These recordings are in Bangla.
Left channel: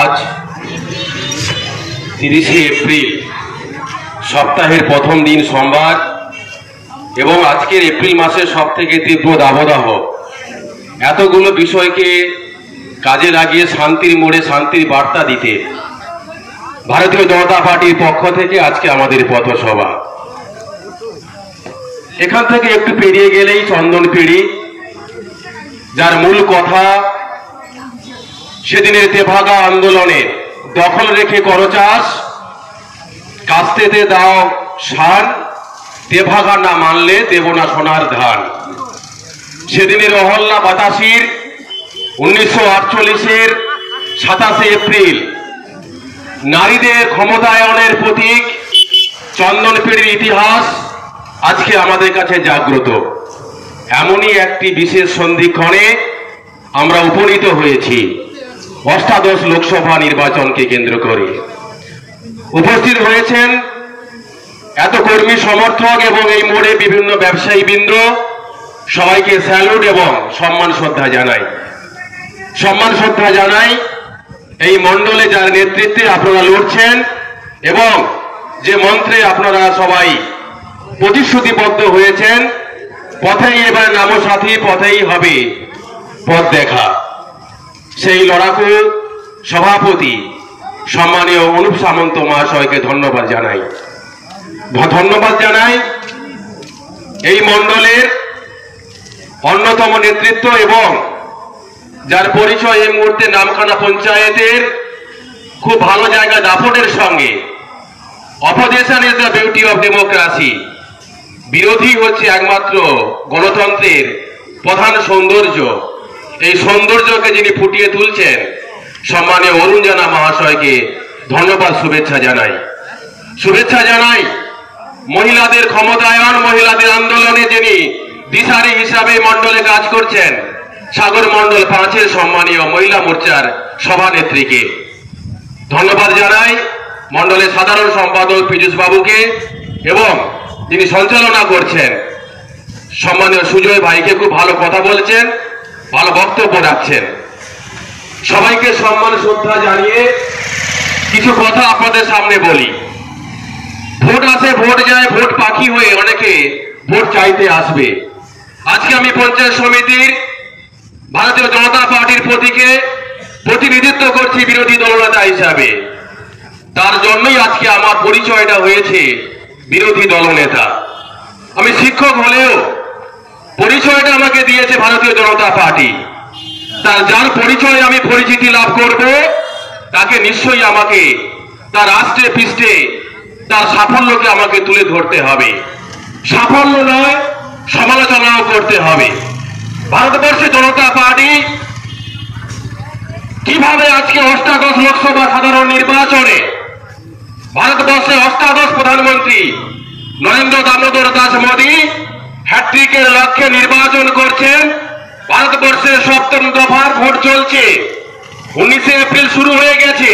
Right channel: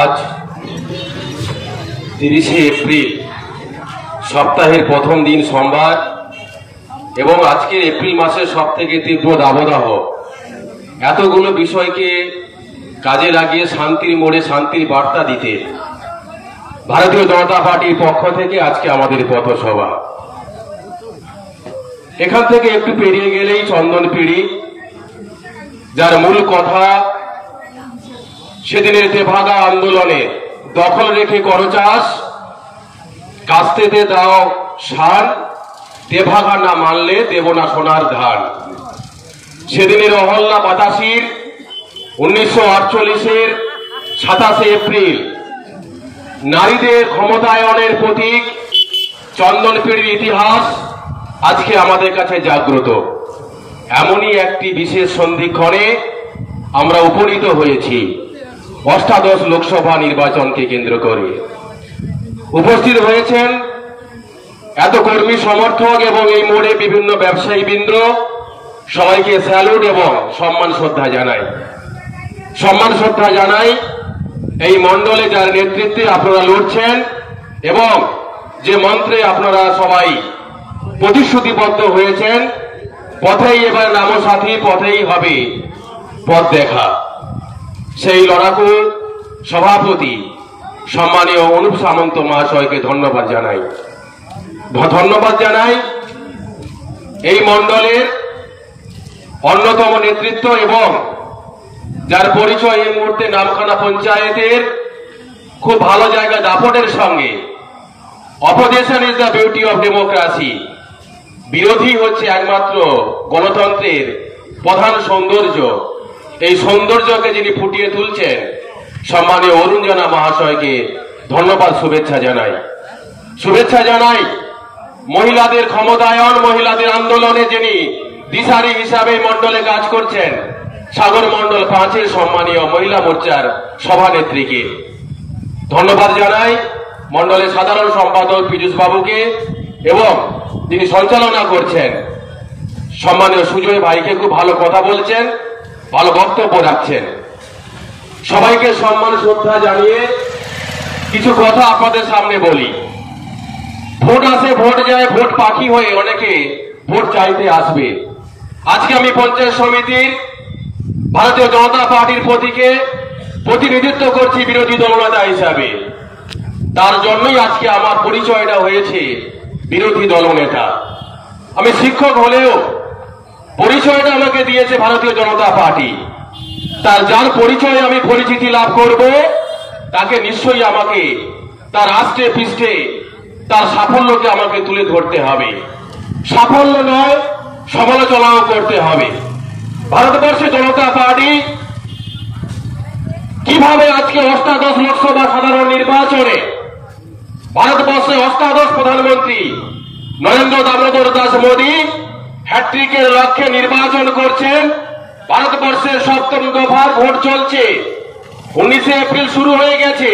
আজ 30শে এপ্রিল সপ্তাহের প্রথম দিন সোমবার এবং আজকের এপ্রিল মাসের সবথেকে তীব্র দাবদাহ এতগুলো বিষয়কে কাজে লাগিয়ে শান্তির মোড়ে শান্তির বার্তা দিতে ভারতীয় জনতা পার্টির পক্ষ থেকে আজকে আমাদের পথসভা। এখান থেকে একটু পেরিয়ে গেলেই চন্দনপিড়ি, যার মূল কথা সেদিনের তেভাগা আন্দোলনে দখল রেখে করো চাষ, কাস্তেতে দাও সার, তেভাগা না মানলে দেব না সোনার ধান। সেদিনের অহল্যা বাতাসির 1948-এর 27শে এপ্রিল নারীদের ক্ষমতায়নের প্রতীক চন্দনপিড়ির ইতিহাস আজকে আমাদের কাছে জাগ্রত। এমনই একটি বিশেষ সন্ধিক্ষণে আমরা উপনীত হয়েছি অষ্টাদশ লোকসভা নির্বাচনকে কেন্দ্র করে। উপস্থিত হয়েছেন এত কর্মী সমর্থক এবং এই মোড়ে বিভিন্ন ব্যবসায়ী বৃন্দ, সবাইকে স্যালুট এবং সম্মান শ্রদ্ধা জানাই। এই মণ্ডলে যার নেতৃত্বে আপনারা লড়ছেন এবং যে মন্ত্রে আপনারা সবাই প্রতিশ্রুতিবদ্ধ হয়েছেন, পথেই এবার নামো সাথী, পথেই হবে পথ দেখা। সেই লড়াকু সভাপতি সম্মানীয় অনুপ সামন্ত মহাশয়কে ধন্যবাদ জানাই। এই মণ্ডলের অন্যতম নেতৃত্ব এবং যার পরিচয় এই মুহূর্তে নামখানা পঞ্চায়েতের খুব ভালো জায়গা দাপটের সঙ্গে। Opposition is the beauty of democracy. বিরোধী হচ্ছে একমাত্র গণতন্ত্রের প্রধান সৌন্দর্য। এই সৌন্দর্যকে যিনি ফুটিয়ে তুলছেন সম্মানীয় অরুণ জানা মহাশয়কে ধন্যবাদ, শুভেচ্ছা জানাই। মহিলাদের ক্ষমতায়ন, মহিলাদের আন্দোলনে যিনি দিশারি হিসাবে মণ্ডলে কাজ করছেন সাগর মণ্ডল 5-এর সম্মানীয় মহিলা মোর্চার সভানেত্রীকে ধন্যবাদ জানাই। মণ্ডলের সাধারণ সম্পাদক পীযূষ বাবুকে এবং যিনি সঞ্চালনা করছেন সম্মানীয় সুজয় ভাইকে, খুব ভালো কথা বলছেন, ভালো বক্তব্য রাখছেন। সবাইকে সম্মান শ্রদ্ধা জানিয়ে কিছু কথা আপনাদের সামনে বলি। ভোট আসে, ভোট যায়, ভোট পাখি হয়ে অনেকে ভোট চাইতে আসবে। আজকে আমি পঞ্চায়েত সমিতির ভারতীয় জনতা পার্টির প্রতীকে প্রতিনিধিত্ব করছি বিরোধী দলনেতা হিসাবে। তার জন্যই আজকে আমার পরিচয়টা হয়েছে বিরোধী দলনেতা। আমি শিক্ষক হলেও পরিচয়টা আমাকে দিয়েছে ভারতীয় জনতা পার্টি। যার পরিচয়ে আমি পরিচিতি লাভ করব তাকে নিশ্চয়ই আমাকে তার রাষ্ট্রে পৃষ্ঠে তার সাফল্যকে আমাকে তুলে ধরতে হবে। সাফল্য নয়, সমালোচনাও করতে হবে। ভারতবর্ষে জনতা পার্টি কিভাবে আজকে অষ্টাদশ লোকসভা সাধারণ নির্বাচনে ভারতবর্ষের অষ্টাদশ প্রধানমন্ত্রী নরেন্দ্র দামোদর দাস মোদী হ্যাট্রিকের লক্ষ্যে নির্বাচন করছেন। ভারতবর্ষের 7ম দফার ভোট চলছে। 19শে এপ্রিল শুরু হয়ে গেছে।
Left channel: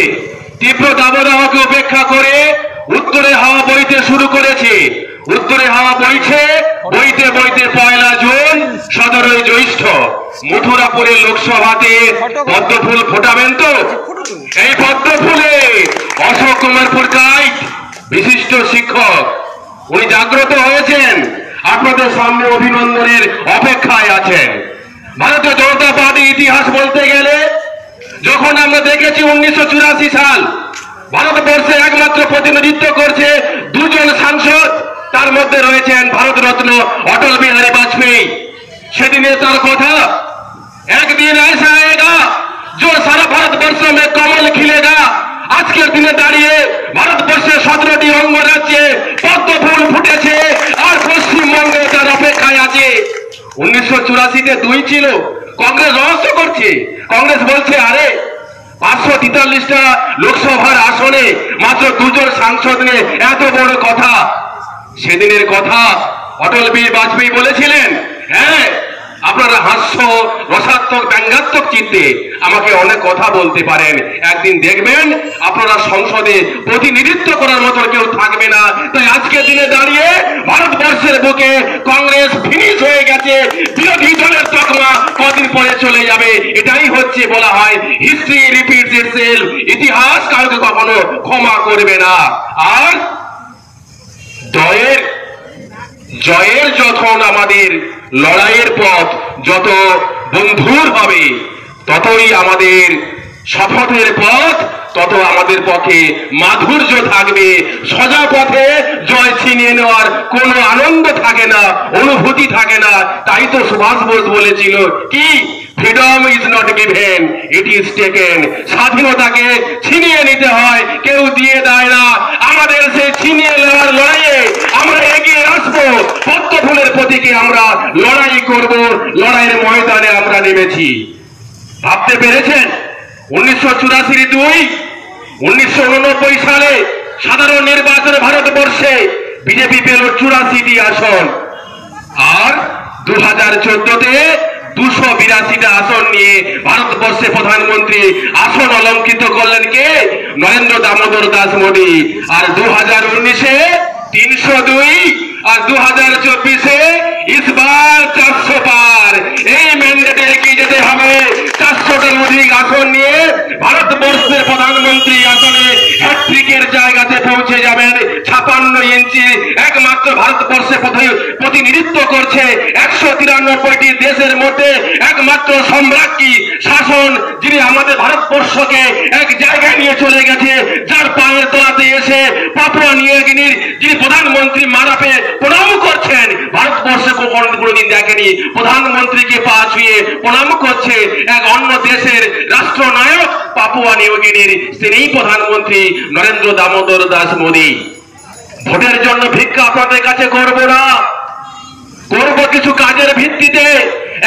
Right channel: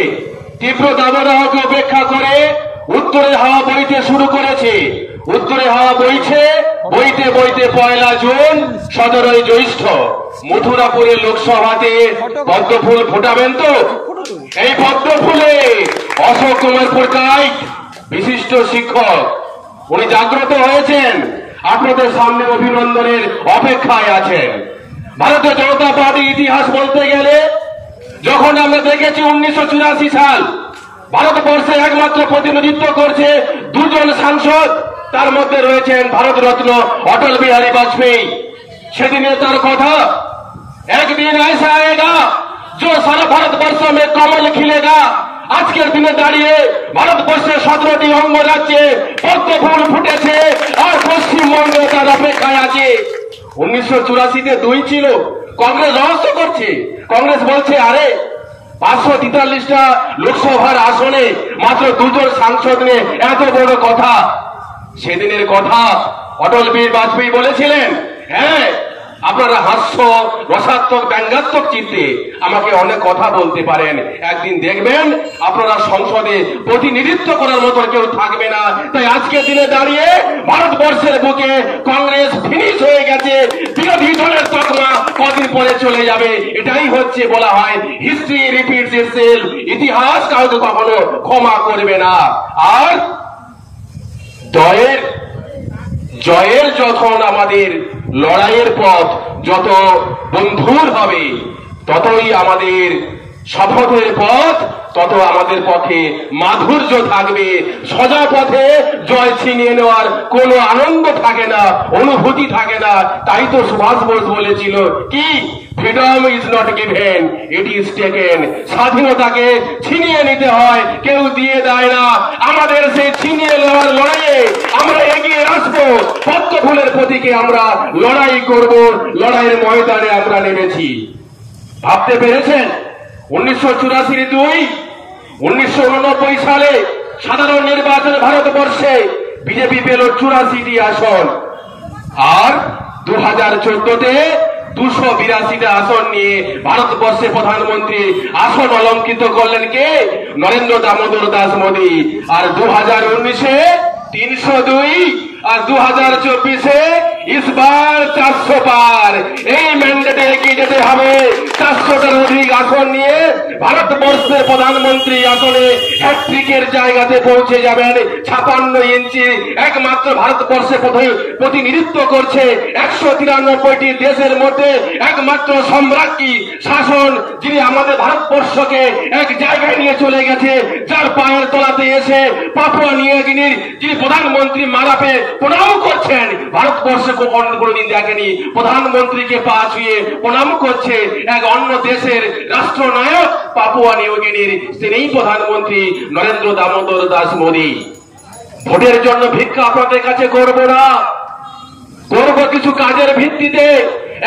তীব্র দাবদাহকে উপেক্ষা করে উত্তরে হাওয়া বইতে শুরু করেছে। উত্তরে হাওয়া বইছে, বইতে বইতে 1লা জুন 17ই জ্যৈষ্ঠ মথুরাপুরের লোকসভাতে পদ্মফুল ফোটাবেন তো? এই পদ্মফুলে অশোক কুমার পুরকাইত বিশিষ্ট শিক্ষক, উনি জাগ্রত হয়েছেন, আপনাদের সামনে অভিনন্দনের অপেক্ষায় আছেন। ভারতীয় জনতা পার্টি ইতিহাস বলতে গেলে যখন আমরা দেখেছি 1984 সাল ভারতবর্ষে একমাত্র প্রতিনিধিত্ব করছে 2 জন সাংসদ, তার মধ্যে রয়েছেন ভারতরত্ন অটল বিহারী বাজপেয়ী। সেদিনে তার কথা, একদিন ऐसा आएगा जो सारा भारतवर्ष में कमल खिलेगा। আজকের দিনে দাঁড়িয়ে ভারতবর্ষের 17টি অঙ্গরাজ্যে পদ্মফুল ফুটেছে আর পশ্চিমবঙ্গ তার অপেক্ষায় আছে। 1984-তে 2 ছিল, কংগ্রেস রহস্য করছে। কংগ্রেস বলছে আরে 543টা লোকসভার আসনে মাত্র 2 জন সাংসদ নিয়ে এত বড় কথা। সেদিনের কথা অটল বিহারী বাজপেয়ী বলেছিলেন, হ্যাঁ আপনারা হাস্য রসাত্মক ব্যঙ্গাত্মক চিত্তে আমাকে অনেক কথা বলতে পারেন, একদিন দেখবেন আপনারা সংসদে প্রতিনিধিত্ব করার মতো কেউ থাকবে না। তাই আজকের দিনে দাঁড়িয়ে ভারতবর্ষের বুকে কংগ্রেস ফিনিশ হয়ে গেছে, বিরোধী দলের তকমা কদিন পরে চলে যাবে। এটাই হচ্ছে বলা হয় হিস্ট্রি রিপিটস ইটসেলফ, ইতিহাস কাউকে কখনো ক্ষমা করবে না। আর জয়ের যখন আমাদের লড়াইয়ের পথ যত বন্ধুর হবে, ততই আমাদের শপথের পথ তত আমাদের পক্ষে মাধুর্য থাকবে। সোজা পথে জয় ছিনিয়ে নেওয়ার কোনো আনন্দ থাকে না, অনুভূতি থাকে না। তাই তো সুভাষ বোস বলেছিল কি, freedom is not given, it is taken. স্বাধীনতাকে ছিনিয়ে নিতে হয়, কেউ দিয়ে দেয় না। আমাদের সেই ছিনিয়ে নেওয়ার লড়াইয়ে আমরা এগিয়ে আসবো, পদ্ম ফুলের প্রতীকে আমরা লড়াই করব, লড়াইয়ের ময়দানে আমরা নেমেছি। ভাবতে পেরেছেন 1984-2 1989 সালে সাধারণ নির্বাচনে ভারতবর্ষে বিজেপি পেল 84টি আসন, আর 2014-তে 282টা আসন নিয়ে ভারতবর্ষে প্রধানমন্ত্রী আসন অলঙ্কৃত করলেন কে? নরেন্দ্র দামোদর দাস মোদী। আর 2019-এ 302 আর 2024-এ ইসবার 400 পার। এই ম্যান্ডেটে এগিয়ে যেতে হবে। 400টার অধিক আসন নিয়ে ভারতবর্ষের প্রধানমন্ত্রী আসনে হ্যাট্রিকের জায়গাতে পৌঁছে যাবেন। 56 ইঞ্চি একমাত্র ভারতবর্ষে প্রতিনিধিত্ব করছে 193টি দেশের মধ্যে একমাত্র সম্রাজ্ঞী শাসন, যিনি আমাদের ভারতবর্ষকে এক জায়গায় নিয়ে চলে গেছে, যার পায়ের তলাতে এসে পাপুয়া নিউ গিনির যিনি প্রধানমন্ত্রী মারাপে প্রণাম করছেন। ভারতবর্ষে কোনোদিন দেখেনি প্রধানমন্ত্রীকে পা ছুঁয়ে প্রণাম করছে এক অন্য দেশের রাষ্ট্রনায়ক পাপুয়া নিউ গিনির, তিনিই প্রধানমন্ত্রী নরেন্দ্র দামোদর দাস মোদী। ভোটের জন্য ভিক্ষা আপনাদের কাছে করব না, করব কিছু কাজের ভিত্তিতে।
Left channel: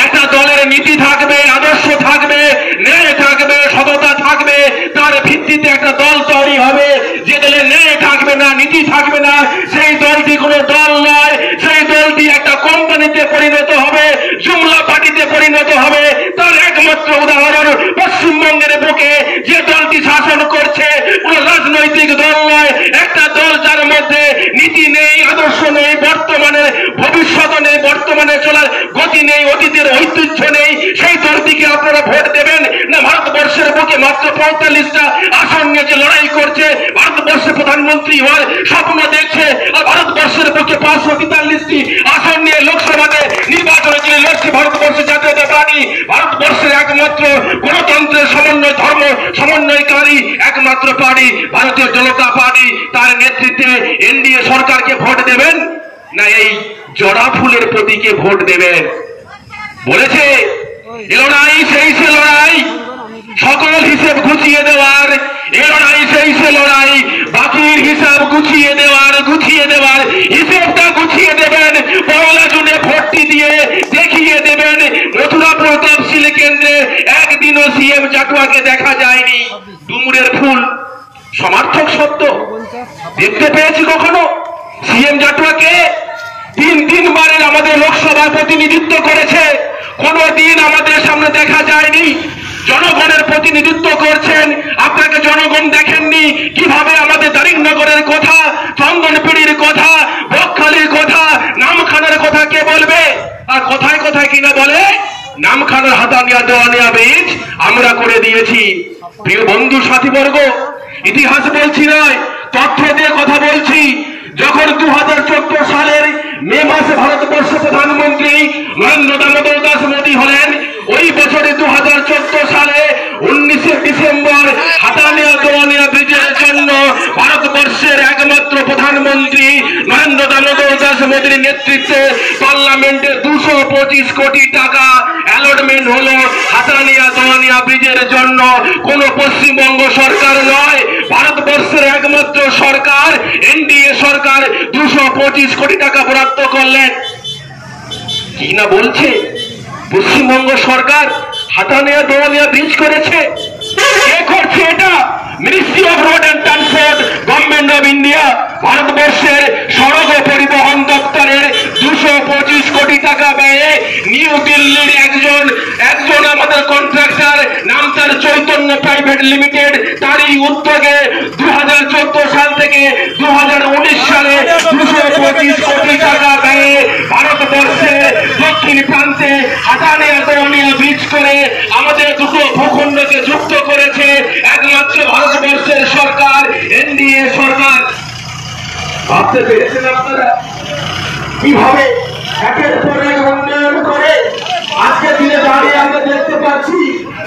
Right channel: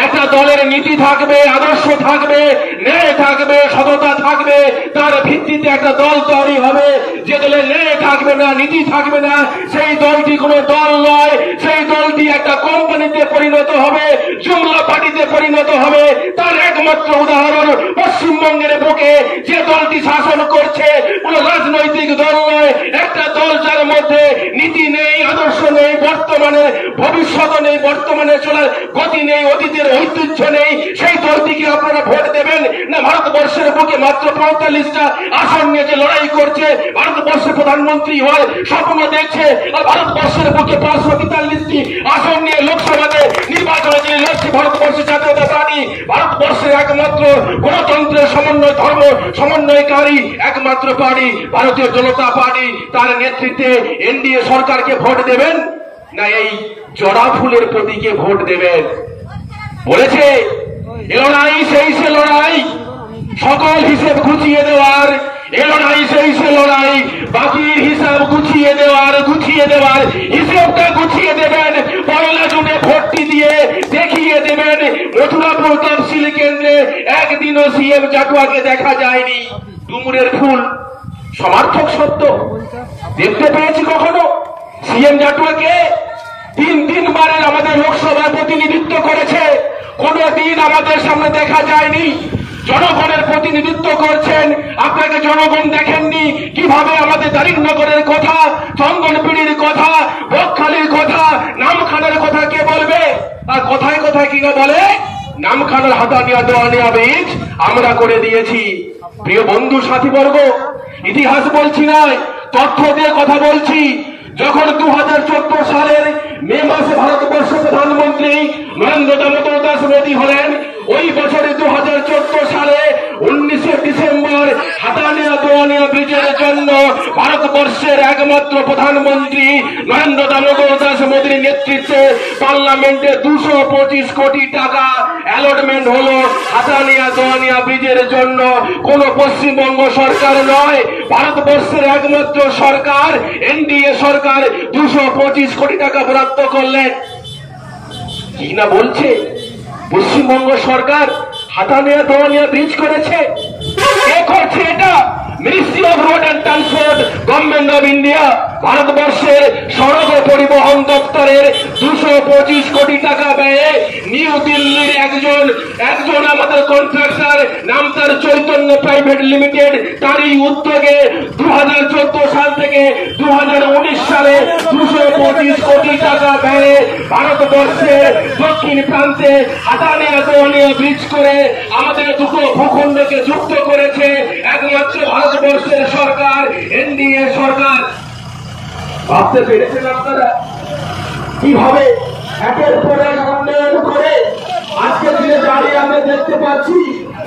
একটা দলের নীতি থাকবে, আদর্শ থাকবে, ন্যায় থাকবে, সততা থাকবে, তার ভিত্তিতে একটা দল তৈরি হবে। যে দলে ন্যায় থাকবে না, নীতি থাকবে না, সেই দলটি কোনো দল নয়। সেই দলটি একটা কোম্পানিতে পরিণত হবে, জুমলা পার্টিতে পরিণত হবে। তার একমাত্র উদাহরণ পশ্চিমবঙ্গের বুকে যে দলটি শাসন করছে কোনো রাজনৈতিক দল নয়, একটা দল যার মধ্যে নীতি নেই, আদর্শ নেই, বর্তমানে ভবিষ্যৎ নেই, বর্তমানে চলার গতি নেই, অতীতের ঐতিহ্য নেই। সেই দলটিকে আপনারা ভোট দেবেন না? ভারতবর্ষের বুকে মাত্র 45টা আসন নিয়ে যে লড়াই করছে, ভারতবর্ষের প্রধানমন্ত্রী হওয়ার স্বপ্ন দেখছে, আর ভারতবর্ষের বুকে 543টি আসন নিয়ে লোকসভাতে নির্বাচনে যিনি লড়ছে ভারতবর্ষের জাতীয়তা পার্টি, ভারতবর্ষের একমাত্র গণতন্ত্রের সমন্বয় ধর্ম সমন্বয়কারী একমাত্র পার্টি ভারতীয় জনতা পার্টি, তার নেতৃত্বে এনডিএ সরকারকে ভোট দেবেন না এই জড়া ফুলের প্রতীকে ভোট দেবেন? বলেছে এ লড়াই সেই সে লড়াই, সকল হিসেব গুছিয়ে দেওয়ার। এ লড়াই সেই সে লড়াই, বাকির হিসাব গুছিয়ে দেওয়ার হিসেবটা গুছিয়ে দেবেন। 1 জুনে ভোটটি দিয়ে দেখিয়ে দেবেন। মথুরাপুর তফসিল কেন্দ্রে একদিনও সিএম জাটুয়াকে দেখা যায়নি। ডুমুরের ফুল সমার্থক শব্দ দেখতে পেয়েছি কখনো? সিএম জাটুয়াকে 3 আমাদের লোকসভায় প্রতিনিধিত্ব করেছে, কোনদিন আমাদের সামনে দেখা যায়নি। জনগণের প্রতিনিধিত্ব করছেন, আপনাকে জনগণ দেখেননি। কিভাবে আমাদের দারিংনগরের কথা, চন্দনপিড়ির কথা, বকখালির কথা, নামখানার কথা কে বলবে? আর কোথায় কোথায় কিনা বলে নামখানার হাতানিয়া দেওয়ানিয়া ব্রিজ আমরা করে দিয়েছি। প্রিয় বন্ধু সাথীবর্গ, ইতিহাস বলছি নয়, তথ্য দিয়ে কথা বলছি। যখন 2014 সালের মে মাসে ভারতবর্ষের প্রধানমন্ত্রী নরেন্দ্র দামোদর দাস মোদী হলেন, ওই বছরে 2014 সালে 19 ডিসেম্বর হাতানিয়া দেওয়ানিয়া ব্রিজের জন্য ভারতবর্ষের একমাত্র প্রধানমন্ত্রী নরেন্দ্র দামোদর দাস মোদীর নেতৃত্বে পার্লামেন্টে 225 কোটি টাকা অ্যালটমেন্ট হলো হাতানিয়া দেওয়ানিয়া ব্রিজের জন্য। কোন পশ্চিমবঙ্গ সরকার নয়, ভারতবর্ষের একমাত্র সরকার এনডিএ সরকার 225 কোটি টাকা বরাদ্দ করলেন। কি না বলছে পশ্চিমবঙ্গ সরকার হাতানিয়া দেওয়ানিয়া ব্রিজ করেছে। কে করছে এটা? Ministry of road and transport, government government of India ভারতবর্ষের সড়ক ও পরিবহন দপ্তরের 225 কোটি টাকা ব্যয়ে নিউ দিল্লির একজন আমাদের কন্ট্রাক্টর, নাম তার চৈতন্য প্রাইভেট লিমিটেড, তারই উদ্যোগে 2014 সাল থেকে 2019 সালে 225 কোটি টাকা ব্যয়ে ভারতবর্ষে দক্ষিণ প্রান্তে আদানিয়া দৌনিয়া ব্রিজ করে আমাদের দুটো ভূখণ্ডকে যুক্ত করেছে একমাত্র ভারতবর্ষের সরকার, এনডিএ সরকার। ভাবতে পেরেছেন আপনারা কিভাবে একের পর এক উন্নয়ন করে আজকে দিনে দাঁড়িয়ে আমরা দেখতে পাচ্ছি।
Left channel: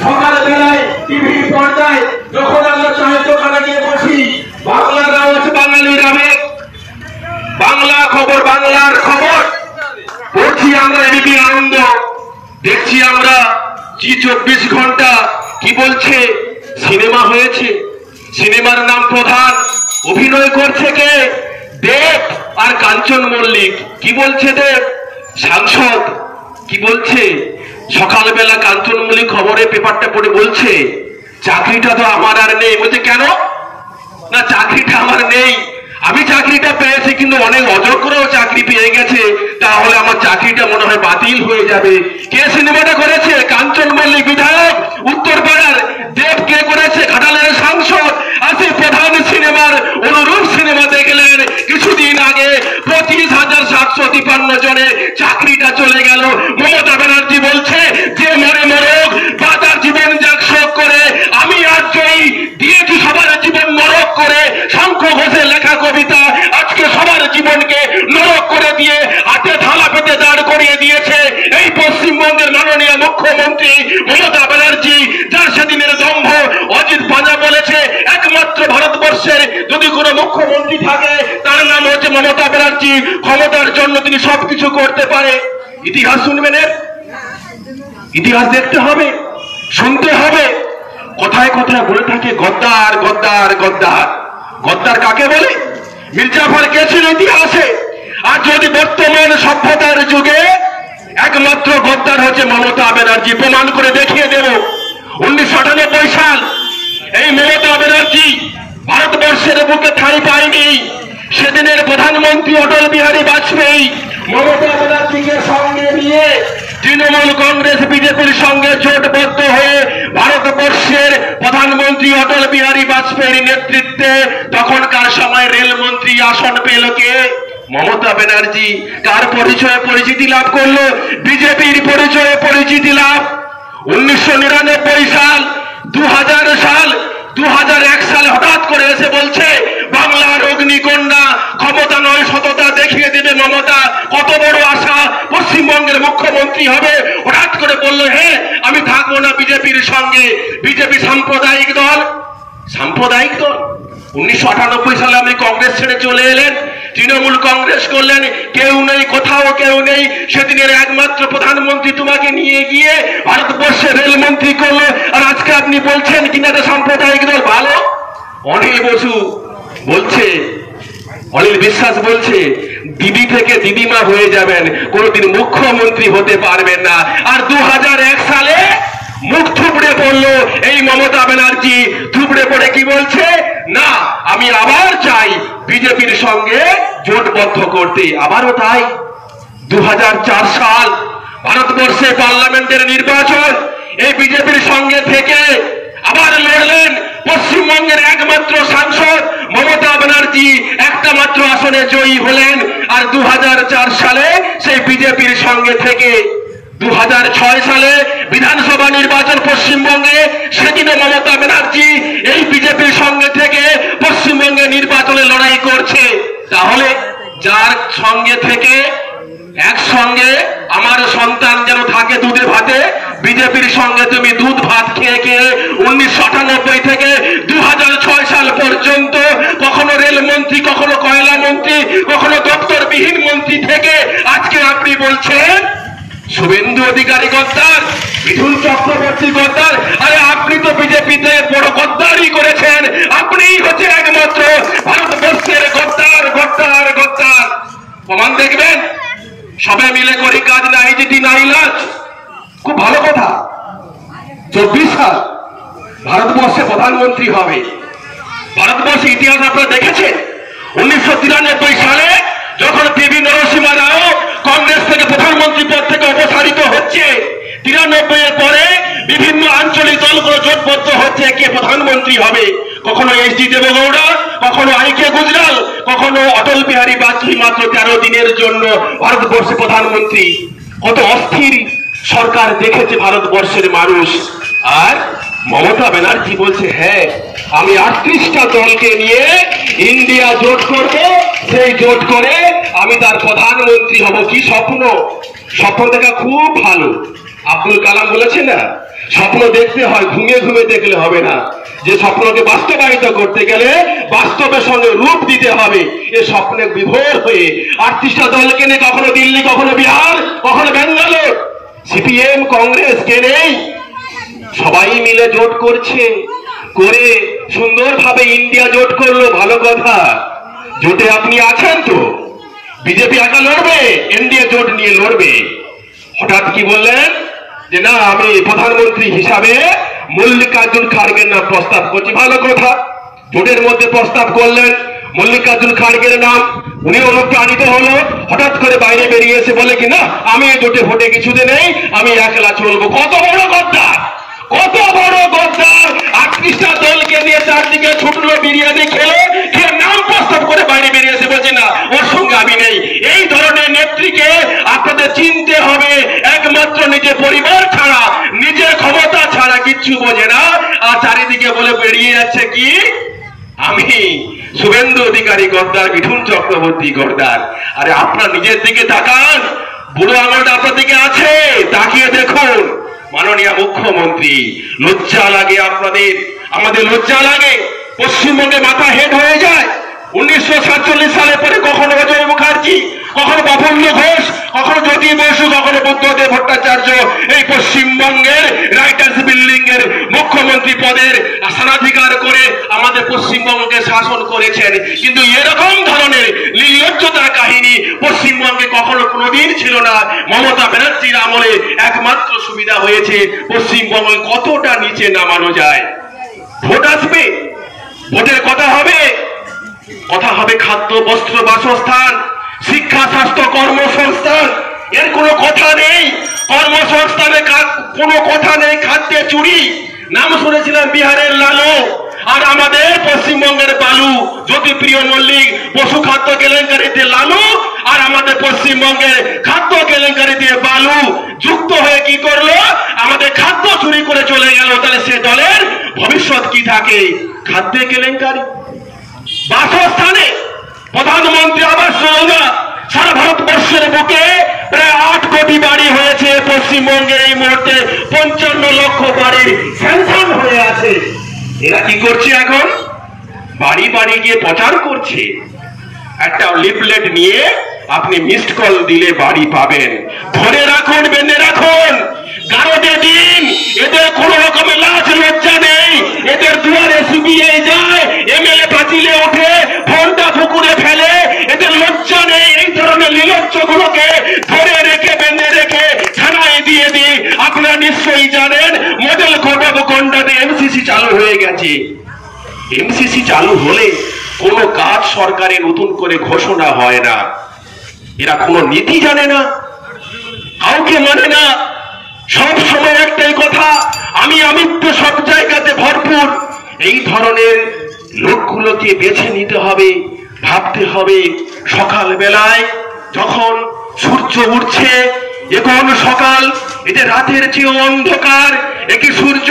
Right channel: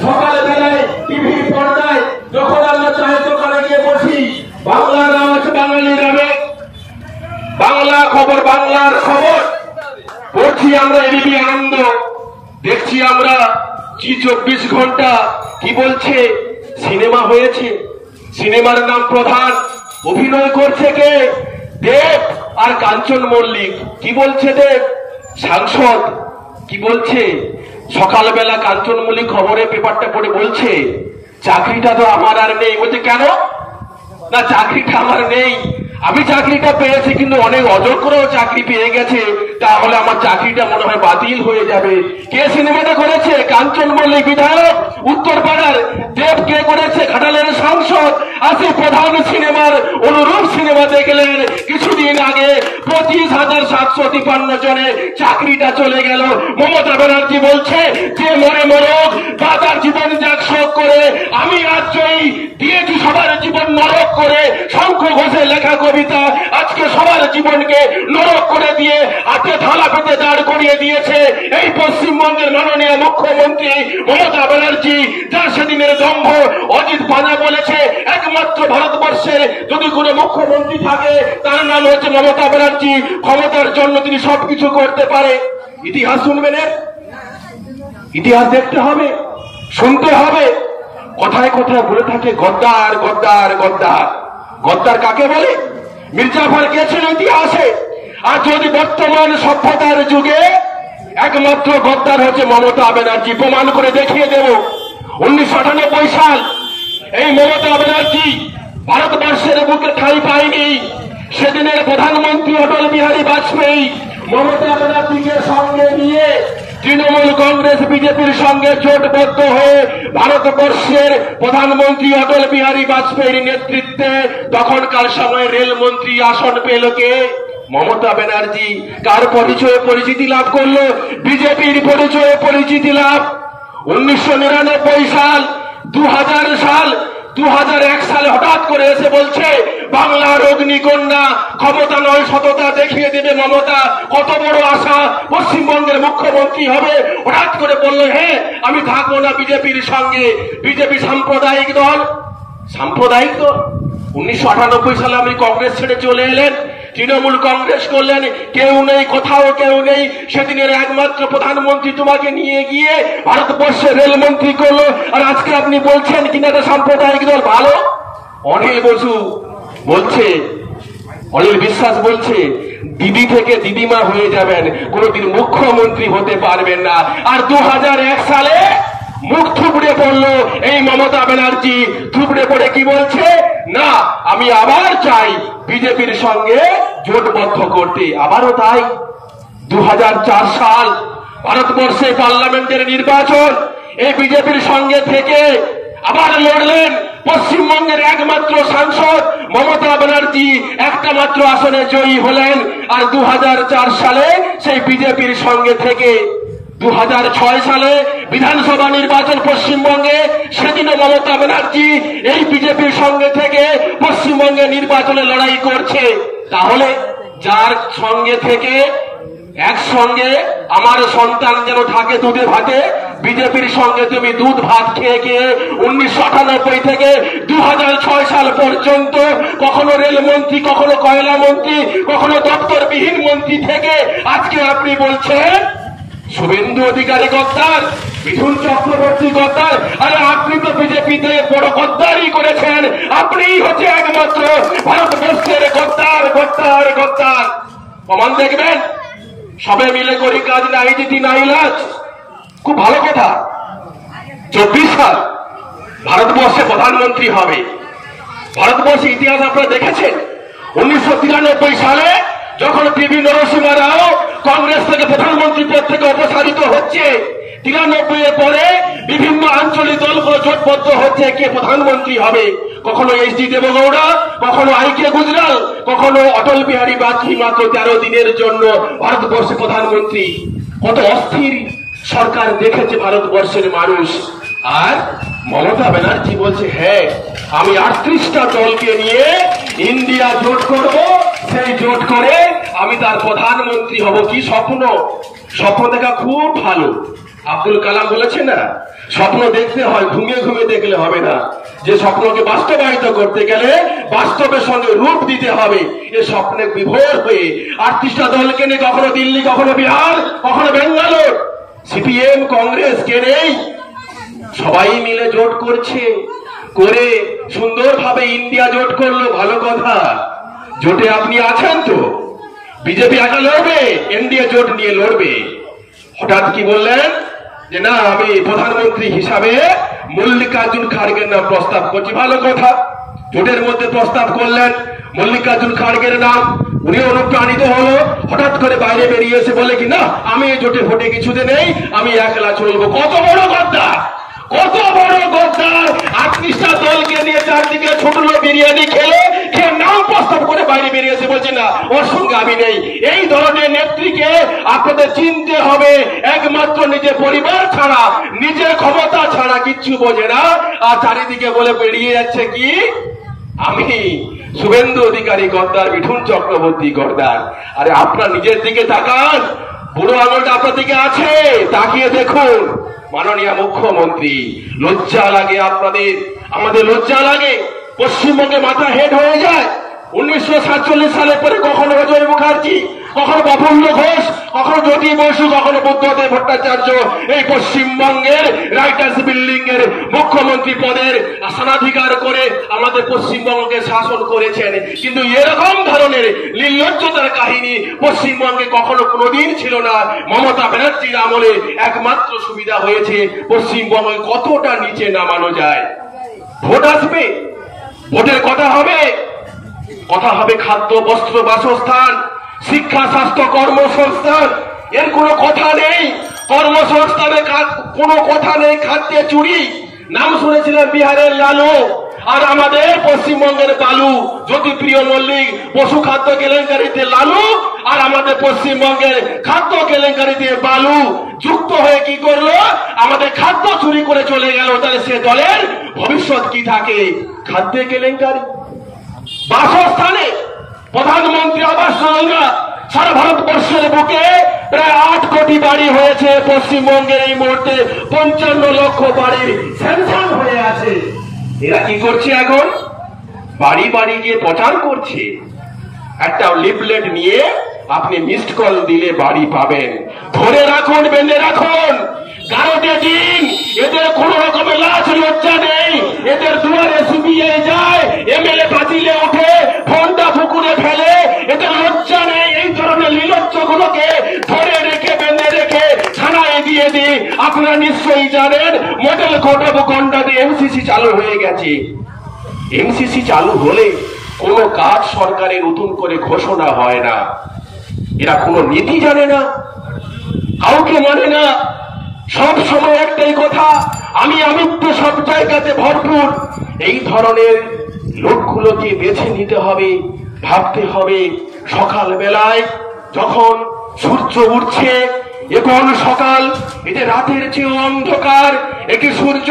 সকালবেলায় টিভি পর্দায় যখন আমরা চায়ের দোকানে গিয়ে বসি, বাংলার আওয়াজ বাঙালির আবেগ, বাংলা খবর বাংলার খবর পড়ছি আমরা, এবিপি আনন্দ দেখছি আমরা, জি 24 ঘন্টা কি বলছে, সিনেমা হয়েছে, সিনেমার নাম প্রধান, অভিনয় করছে কে, দেব আর কাঞ্চন মল্লিক। কি বলছে দেব? সাংসদ কি বলছে? সকালবেলা কাঞ্চন মল্লিক খবরে পেপারটা পড়ে বলছে চাকরিটা তো আমার আর নেই। বলছে কেন? না চাকরিটা আমার নেই, আমি চাকরিটা পেয়েছি কিন্তু অনেক অযোগ্যরাও চাকরি পেয়ে গেছে, তাহলে আমার চাকরিটা মনে হয় বাতিল হয়ে যাবে। কে সিনেমাটা করেছে? কাঞ্চন মল্লিক বিধায়ক উত্তরপাড়ার। দেব কে করেছে? ঘাটালের সাংসদ। আছে প্রধান সিনেমার অনুরূপ সিনেমা দেখলেন কিছুদিন আগে 25,753 জনের চাকরিটা চলে গেল। মমতা ব্যানার্জি বলছে যে মরে মরক বা তার জীবন যাক শোক করে, আমি আজ জয়ী দিয়েছি সবার জীবন নরক করে। শঙ্খ ঘোষের লেখা কবিতা আজকে সবার জীবনকে নরক করে দিয়ে হাতে থালা পেতে দাঁড় করিয়ে দিয়েছে এই পশ্চিমবঙ্গের মাননীয় মুখ্যমন্ত্রী মমতা ব্যানার্জি, যার সেদিনের দম্ভ অজিত পাজা বলেছে একমাত্র ভারতবর্ষের যদি কোনো মুখ্যমন্ত্রী থাকে তার নাম হচ্ছে মমতা ব্যানার্জি, ক্ষমতার জন্য তিনি সবকিছু করতে পারে। ইতিহাস শুনবেন, ইতিহাস দেখতে হবে, শুনতে হবে। কথায় কথায় বলে থাকে গদ্দার গদ্দার গদ্দার। গদ্দার কাকে বলে? মির্জাফর কে ছিল ইতিহাসে? আর যদি বর্তমান সভ্যতার যুগে একমাত্র গদ্দার হচ্ছে মমতা ব্যানার্জি, প্রমাণ করে দেখিয়ে দেব। 1998 সাল এই মমতা ব্যানার্জি ভারতবর্ষের বুকে ঠাঁই পায়নি। সেদিনের প্রধানমন্ত্রী অটল বিহারী বাজপেয়ী মমতা ব্যানার্জিকে সঙ্গে নিয়ে তৃণমূল কংগ্রেস বিজেপির সঙ্গে জোটবদ্ধ হয়ে ভারতবর্ষের প্রধানমন্ত্রী অটল বিহারী বাজপেয়ীর নেতৃত্বে তখনকার সময় রেলমন্ত্রী আসন পেল কে? মমতা ব্যানার্জি। কার পরিচয়ে পরিচিতি লাভ করলো? বিজেপির পরিচয়ে পরিচিতি লাভ। 1999 সাল, 2000 সাল, 2001 সালে হঠাৎ করে এসে বলছে বাংলার অগ্নিকন্যা, ক্ষমতা নয় সততা দেখিয়ে দেবে মমতা। কত বড় আশা, পশ্চিমবঙ্গের মুখ্যমন্ত্রী হবে। হঠাৎ করে বললো হ্যাঁ আমি থাকবো না বিজেপির সঙ্গে। বিজেপি সাম্প্রদায়িক দল, সাম্প্রদায়িক দল। 1998 সালে আপনি কংগ্রেস ছেড়ে চলে এলেন, তৃণমূল কংগ্রেস করলেন, কেউ নেই, কোথাও কেউ নেই। সেদিনের একমাত্র প্রধানমন্ত্রী তোমাকে নিয়ে গিয়ে ভারতবর্ষের রেলমন্ত্রী করলো, আর আজকে আপনি বলছেন কিনা এটা সাম্প্রদায়িক দল। ভালো। অনিল বসু বলছে, অনিল বিশ্বাস বলছে দিদি থেকে দিদিমা হয়ে যাবেন, কোনদিন মুখ্যমন্ত্রী হতে পারবেন না। আর 2001 সালে মুখ থুবড়ে পড়লো এই মমতা ব্যানার্জি। থুবড়ে পড়ে কি বলছে? না আমি আবার চাই বিজেপির সঙ্গে জোটবদ্ধ করতে। আবারও তাই। 2004 সাল ভারতবর্ষে পার্লামেন্টের নির্বাচন, এই বিজেপির সঙ্গে থেকে আবার লড়লেন পশ্চিমবঙ্গের একমাত্র সাংসদ মমতা ব্যানার্জি, একটা মাত্র আসনে জয়ী হলেন। আর 2004 সালে সেই বিজেপির সঙ্গে থেকে 2006 সালে বিধানসভা নির্বাচন পশ্চিমবঙ্গে, সেদিনও মমতা ব্যানার্জি এই বিজেপির সঙ্গে থেকে পশ্চিমবঙ্গে নির্বাচনে লড়াই করছে। তাহলে যার সঙ্গে থেকে একসঙ্গে আমার সন্তান যেন থাকে দুধে ভাতে, বিজেপির সঙ্গে তুমি দুধ ভাত খেয়ে খেয়ে 1998 থেকে 2006 সাল পর্যন্ত কখনো রেলমন্ত্রী, কখনো কয়লা মন্ত্রী, কখনো দপ্তরবিহীন মন্ত্রী থেকে আজকে আপনি বলছেন শুভেন্দু অধিকারী গদ্দার, মিঠুন চক্রবর্তী গদ্দার। আরে আপনি তো বিজেপিতে বড় গদ্দারি করেছেন, আপনিই হচ্ছে একমাত্র ভারতবর্ষের গদ্দার গদ্দার গদ্দার। প্রমাণ দেখবেন। সবে মিলে করি কাজ নাই জিতি নাই লাজ। খুব ভালো কথা। 24 সাল ভারতবর্ষে প্রধানমন্ত্রী হবে, ভারতবর্ষের ইতিহাস আপনারা দেখেছেন 1993 সালে যখন পিভি নরসিংহ রাও কংগ্রেস থেকে প্রধানমন্ত্রী পদ থেকে অপসারিত হচ্ছে, 93 এর পরে বিভিন্ন আঞ্চলিক দলগুলো জোটবদ্ধ হচ্ছে কে প্রধানমন্ত্রী হবে। কখনো এইচ.ডি. দেবেগৌড়া, কখনো আই.কে. গুজরাল, কখনো অটল বিহারী বাজপেয়ী মাত্র 13 দিনের জন্য ভারতবর্ষে প্রধানমন্ত্রী। কত অস্থির সরকার দেখেছে ভারতবর্ষের মানুষ। আর মমতা ব্যানার্জি বলছে হ্যাঁ আমি 38টা দলকে নিয়ে ইন্ডিয়া জোট করব, সেই জোট করে আমি তার প্রধানমন্ত্রী হব। কি স্বপ্ন! স্বপ্ন দেখা খুব ভালো। আব্দুল কালাম বলেছে না, স্বপ্ন দেখতে হয়, ঘুমিয়ে ঘুমিয়ে দেখলে হবে না। যে স্বপ্নকে বাস্তবায়িত করতে গেলে বাস্তবের সঙ্গে রূপ দিতে হবে। এ স্বপ্নে বিভোর হয়ে 38টা দলকে নিয়ে কখনো দিল্লি, কখনো বিহার, কখনো বেঙ্গালোর, সিপিএম কংগ্রেস কে নেই, সবাই মিলে জোট করছে, করে সুন্দরভাবে ইন্ডিয়া জোট করলো। ভালো কথা, জোটে আপনি আছেন তো? বিজেপি একা লড়বে, এনডিএ জোট নিয়ে লড়বে। হঠাৎ কি বললেন যে না আমি প্রধানমন্ত্রী হিসাবে মল্লিকার্জুন খাড়গের নাম প্রস্তাব করছি। ভালো কথা, জোটের মধ্যে প্রস্তাব করলেন মল্লিকার্জুন খাড়গের নাম, উনি অনুপ্রাণিত হলো। হঠাৎ করে বাইরে বেরিয়ে এসে বলে কি না আমি জোটে ভোটে কিছুতে নেই, আমি একলা চলবো। কত বড় গদ্দার, কত বড় গদ্দার! 38টা দলকে নিয়ে চারদিকে ছুটলো, বিরিয়ানি খেলো, খেয়ে নাম প্রস্তাব করে বাইরে বেরিয়ে এসে বলছে না ওর সঙ্গে আমি নেই। এই ধরনের নেত্রীকে আপনাদের চিনতে হবে। একমাত্র নিজের পরিবার ছাড়া, নিজের ক্ষমতা ছাড়া কিচ্ছু বোঝে না। আর চারিদিকে বলে বেরিয়ে যাচ্ছে কি আমি শুভেন্দু অধিকারী গদ্দার, মিঠুন চক্রবর্তী গদ্দার। আরে আপনার নিজের দিকে তাকান, বুড়ো আঙুলটা আপনার দিকে আছে, তাকিয়ে দেখুন। মাননীয় মুখ্যমন্ত্রী, লজ্জা লাগে আপনাদের, আমাদের লজ্জা লাগে। পশ্চিমবঙ্গে মাথা হেড হয়ে যায়। 1947 সালের পরে কখনো অজয় মুখার্জি, কখনো প্রফুল্ল ঘোষ, কখনো জ্যোতি বসু, কখনো বুদ্ধদেব ভট্টাচার্য এই পশ্চিমবঙ্গের রাইটার্স বিল্ডিং এর মুখ্যমন্ত্রী পদের স্থানাধিকার করে আমাদের পশ্চিমবঙ্গকে শাসন করেছেন। কিন্তু এরকম ধরনের নির্লজ্জতার কাহিনী পশ্চিমবঙ্গে কখনো কোনোদিন ছিল না। মমতা ব্যানার্জির আমলে একমাত্র সুবিধা হয়েছে পশ্চিমবঙ্গে কতটা নিচে নামানো যায়। ভোট আসবে, ভোটের কথা হবে, কথা হবে খাদ্য, বস্ত্র, বাসস্থান, শিক্ষা, স্বাস্থ্য, কর্মসংস্থান। এর কোনো কথা নেই। কর্মসংস্থানে কোনো কথা নেই। খাদ্যে চুরি, নাম শুনেছিলেন বিহারের লালু, আর আমাদের পশ্চিমবঙ্গের বালু। জ্যোতিপ্রিয় মল্লিক পশু খাদ্য কেলেঙ্কারিতে লালু, আর আমাদের পশ্চিমবঙ্গের খাদ্য কেলেঙ্কারিতে বালু যুক্ত হয়ে কি করলো, আমাদের খাদ্য চুরি করে চলে গেল। তাহলে সে দলের ভবিষ্যৎ কি থাকে? খাদ্যে কেলেঙ্কারি। বাসস্থানে প্রধানমন্ত্রী আবাস যোজনা সারা ভারতবর্ষের বুকে প্রায় 8 কোটি বাড়ি হয়েছে। পশ্চিমবঙ্গে এই মুহূর্তে 55 লক্ষ বাড়ির স্যাংশন হয়ে আছে। এরা কি করছে এখন? বাড়ি বাড়ি গিয়ে প্রচার করছে। একটা লিফলেট নিয়ে আপনি মিসড কল দিলে বাড়ি পাবেন। ধরে রাখুন, বেঁধে রাখুন, গারদে দিন। এদের কোন রকমের লাজ লজ্জা নেই। এদের দুয়ারে শুকিয়ে যায়, এমএলএ পাঁচিলে ওঠে, ফোনটা পুকুরে ফেলে। এদের লজ্জা নেই। এই ধরনের নির্লজ্জ গুলোকে ধরে রেখে, বেঁধে রেখে থানায় দিয়ে দিই। আপনারা নিশ্চয়ই জানেন মডেল কোড অফ কন্ডাক্টে এমসিসি চালু হয়ে গেছে। এমসিসি চালু হলে কোনো কাজ সরকারের নতুন করে ঘোষণা হয় না। এরা কোনো নীতি জানে না, কাউকে মানে না। সব সময় একটাই কথা, আমি আমিত্ব সব জায়গাতে ভরপুর। এই ধরনের লোকগুলোকে বেছে নিতে হবে, ভাবতে হবে। সকাল বেলায় যখন সূর্য উঠছে, এখন সকাল, এটা রাতের চেয়ে অন্ধকার। একি সূর্য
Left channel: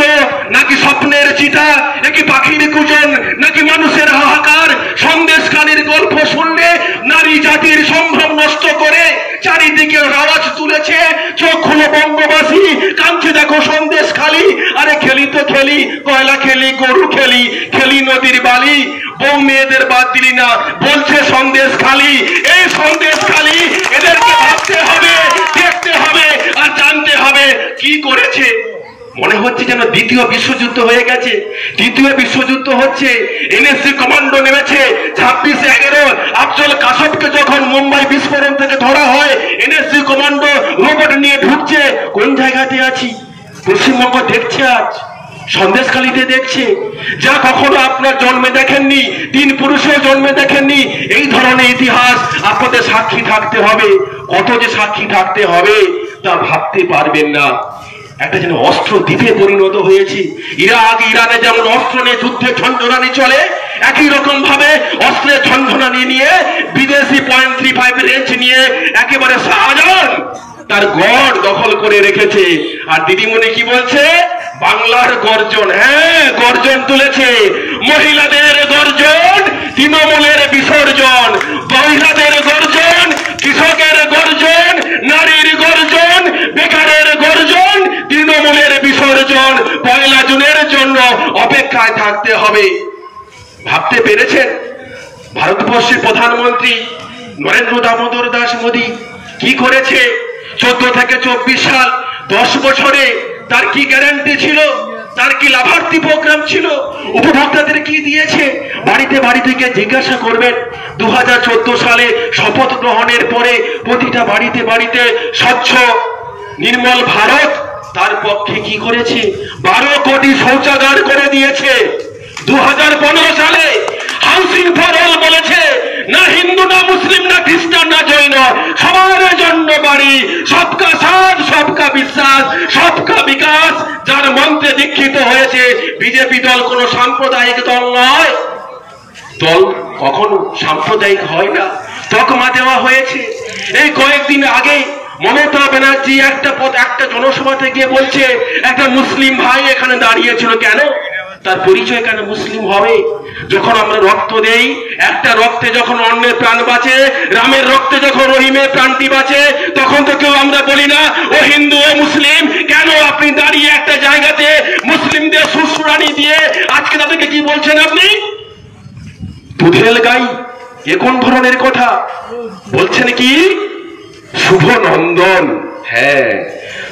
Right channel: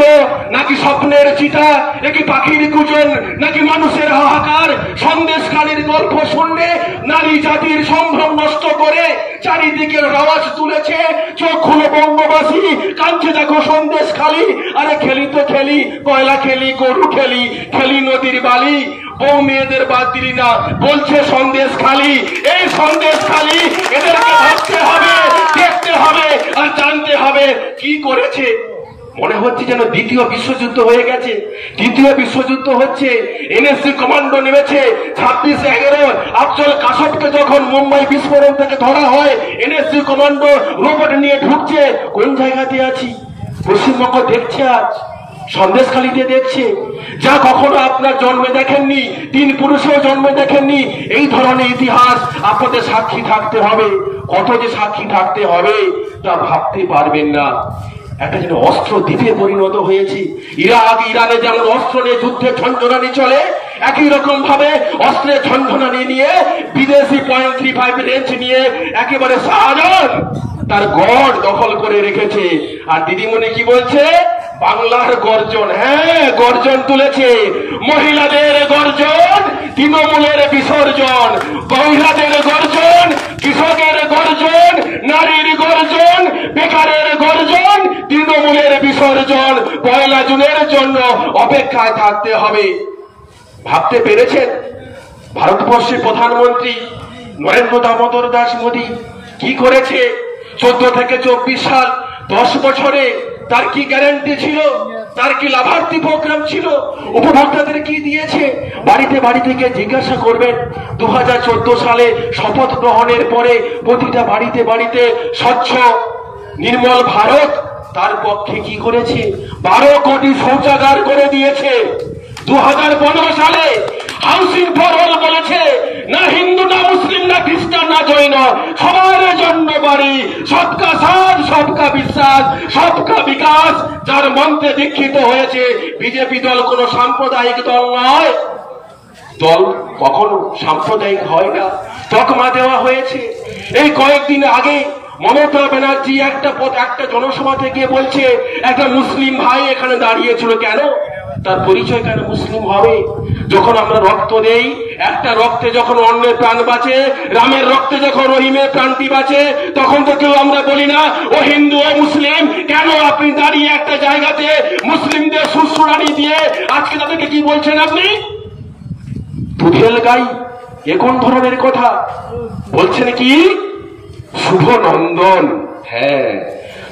নাকি স্বপ্নের চিতা, একি পাখির কুজন নাকি মানুষের হাহাকার। সন্দেশখালীর গল্প শুনলে নারী জাতির সম্ভ্রম নষ্ট করে চারিদিকে আওয়াজ তুলেছে। চোখ খুলে বঙ্গবাসী কাঁদছে, দেখো সন্দেশখালী। আরে খেলি তো খেলি, কয়লা খেলি, গরু খেলি, খেলি নদীর বালি। বউ মেয়েদের বাদ দিলি না, বলছে সন্দেশখালী। এই সন্দেশখালী এদেরকে ভাবতে হবে, দেখতে হবে, আর জানতে হবে কি করেছে। মনে হচ্ছে যেন দ্বিতীয় বিশ্বযুদ্ধ হয়ে গেছে। তৃতীয় বিশ্বযুদ্ধ হচ্ছে। এনএসজি কমান্ডো নেমেছে। 26/11 আফজল কাসবকে যখন মুম্বাই বিস্ফোরণ থেকে ধরা হয়, এনএসজি কমান্ডো রোবট নিয়ে ঢুকছে। কোন জায়গাতে আছি? পশ্চিমবঙ্গ দেখছে আজ। সন্দেশখালীতে দেখছে, যা কখনো আপনার জন্মে দেখেননি, তিন পুরুষেও জন্মে দেখেননি। এই ধরনের ইতিহাস আপনাদের সাক্ষী থাকতে হবে। কত যে সাক্ষী থাকতে হবে তা ভাবতে পারবেন না। একটা যেন অস্ত্র দ্বীপে পরিণত হয়েছে। ইরাক ইরানে যেমন অস্ত্র নিয়ে যুদ্ধের ঝঞ্ঝনানি চলে, একই রকম ভাবে অস্ত্রের ঝঞ্ঝনানি নিয়ে বিদেশি .35 রেঞ্জ নিয়ে একেবারে শাহজাহান তার গড় দখল করে রেখেছে। আর দিদিমণি কি বলছে? বাংলার গর্জন। হ্যাঁ, গর্জন তুলেছে। মহিলাদের গর্জন, তৃণমূলের বিসর্জন। মহিলাদের গর্জন, কৃষকের গর্জন, নারীর গর্জন, বেকারের গর্জন, তৃণমূলের বিসর্জন। 1 জুনের জন্য অপেক্ষায় থাকতে হবে। ভাবতে পেরেছেন ভারতবর্ষের প্রধানমন্ত্রী নরেন্দ্র দামোদর দাস মোদী কি করেছে? 14 থেকে 24 সাল 10 বছরে তার কি গ্যারান্টি ছিল? তার কি লাভার্থী প্রোগ্রাম ছিল? উপভোক্তাদের কি দিয়েছে? বাড়িতে বাড়িতে গিয়ে জিজ্ঞাসা করবেন। 2014 সালে শপথ গ্রহণের পরে প্রতিটা বাড়িতে বাড়িতে স্বচ্ছ নির্মল ভারত তার পক্ষে কি করেছে? 12 কোটি শৌচাগার করে দিয়েছে। 2015 সালে হাউসিং ফর অল বলেছে, না হিন্দু না মুসলিম না খ্রিস্টান না জৈন, সবার জন্য বাড়ি। সবকা সাথ সবকা বিশ্বাস সবকা বিকাশ। যার মন্ত্রে দীক্ষিত হয়েছে। বিজেপি দল কোনো সাম্প্রদায়িক দল নয়। দল কখনো সাম্প্রদায়িক হয় না। তকমা দেওয়া হয়েছে। এই কয়েকদিন আগে মমতা ব্যানার্জি একটা জনসভাতে গিয়ে বলছে, একটা মুসলিম ভাই এখানে দাঁড়িয়েছিল। কেন? তার পরিচয় কেন মুসলিম হবে? যখন আমরা রক্ত দেই, একটা রক্তে যখন অন্যের প্রাণ বাঁচে, রামের রক্তে যখন রহিমের প্রাণটি বাঁচে, তখন তো কেউ আমরা বলি না ও হিন্দু ও মুসলিম। কেন আপনি দাঁড়িয়ে একটা জায়গাতে মুসলিমদের সুসুরানি দিয়ে আজকে তাদেরকে কি বলছেন? আপনি দুধের গাই। এ কোন ধরনের কথা বলছেন? কি শুভ নন্দন? হ্যাঁ,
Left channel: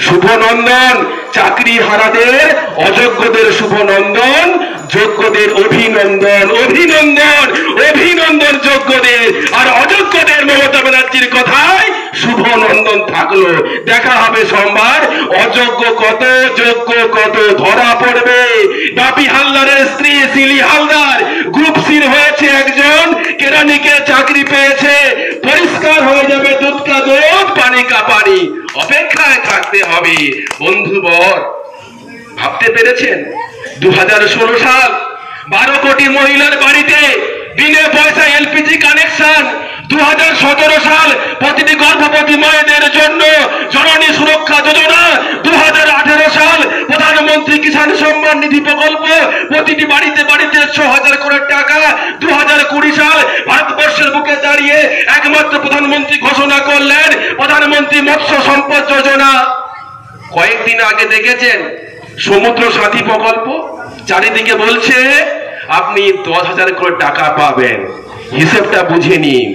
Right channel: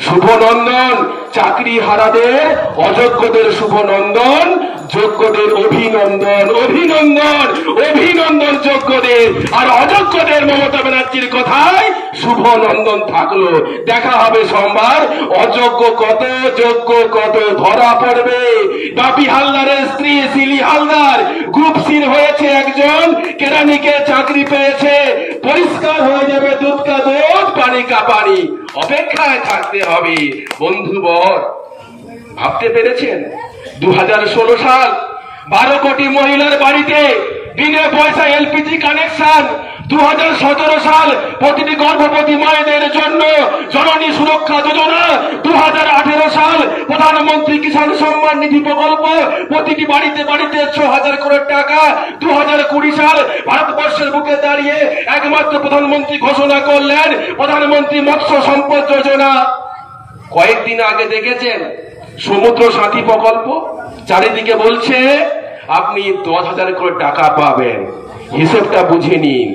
শুভ নন্দন। চাকরি হারাদের অযোগ্যদের শুভ নন্দন, যোগ্যদের অভিনন্দন। অভিনন্দন অভিনন্দন যোগ্যদের, আর অযোগ্যদের মমতা ব্যানার্জির কথায় শুভ নন্দন থাকলো। দেখা হবে সোমবার। অযোগ্য কত যোগ্য কত ধরা পড়বে। বাপি হালদারের স্ত্রী শিলি হালদার গ্রুপ সির হয়েছে একজন, কেরানিকে চাকরি পেয়েছে। পরিষ্কার হয়ে যাবে দুধ কা দুধ পানি কা পানি। অপেক্ষায় থাকতে হবে বন্ধুবর। ভাবতে পেরেছেন 2016 সাল 12 কোটি মহিলার বাড়িতে বিনা পয়সা এলপিজি কানেকশন। 2017 সাল প্রতিটি গর্ভবতী মায়েদের জন্য জননী সুরক্ষা যোজনা। 2018 সাল প্রধানমন্ত্রী কিষাণ সম্মান নিধি প্রকল্প, প্রতিটি বাড়িতে বাড়িতে 6,000 করে টাকা। 2020 সাল ভারতবর্ষের বুকে দাঁড়িয়ে একমাত্র প্রধানমন্ত্রী ঘোষণা করলেন প্রধানমন্ত্রী মৎস্য সম্পদ যোজনা। কয়েকদিন আগে দেখেছেন সমুদ্র সাথী প্রকল্প, চারিদিকে বলছে আপনি 10,000 করে টাকা পাবেন। হিসেবটা বুঝে নিন।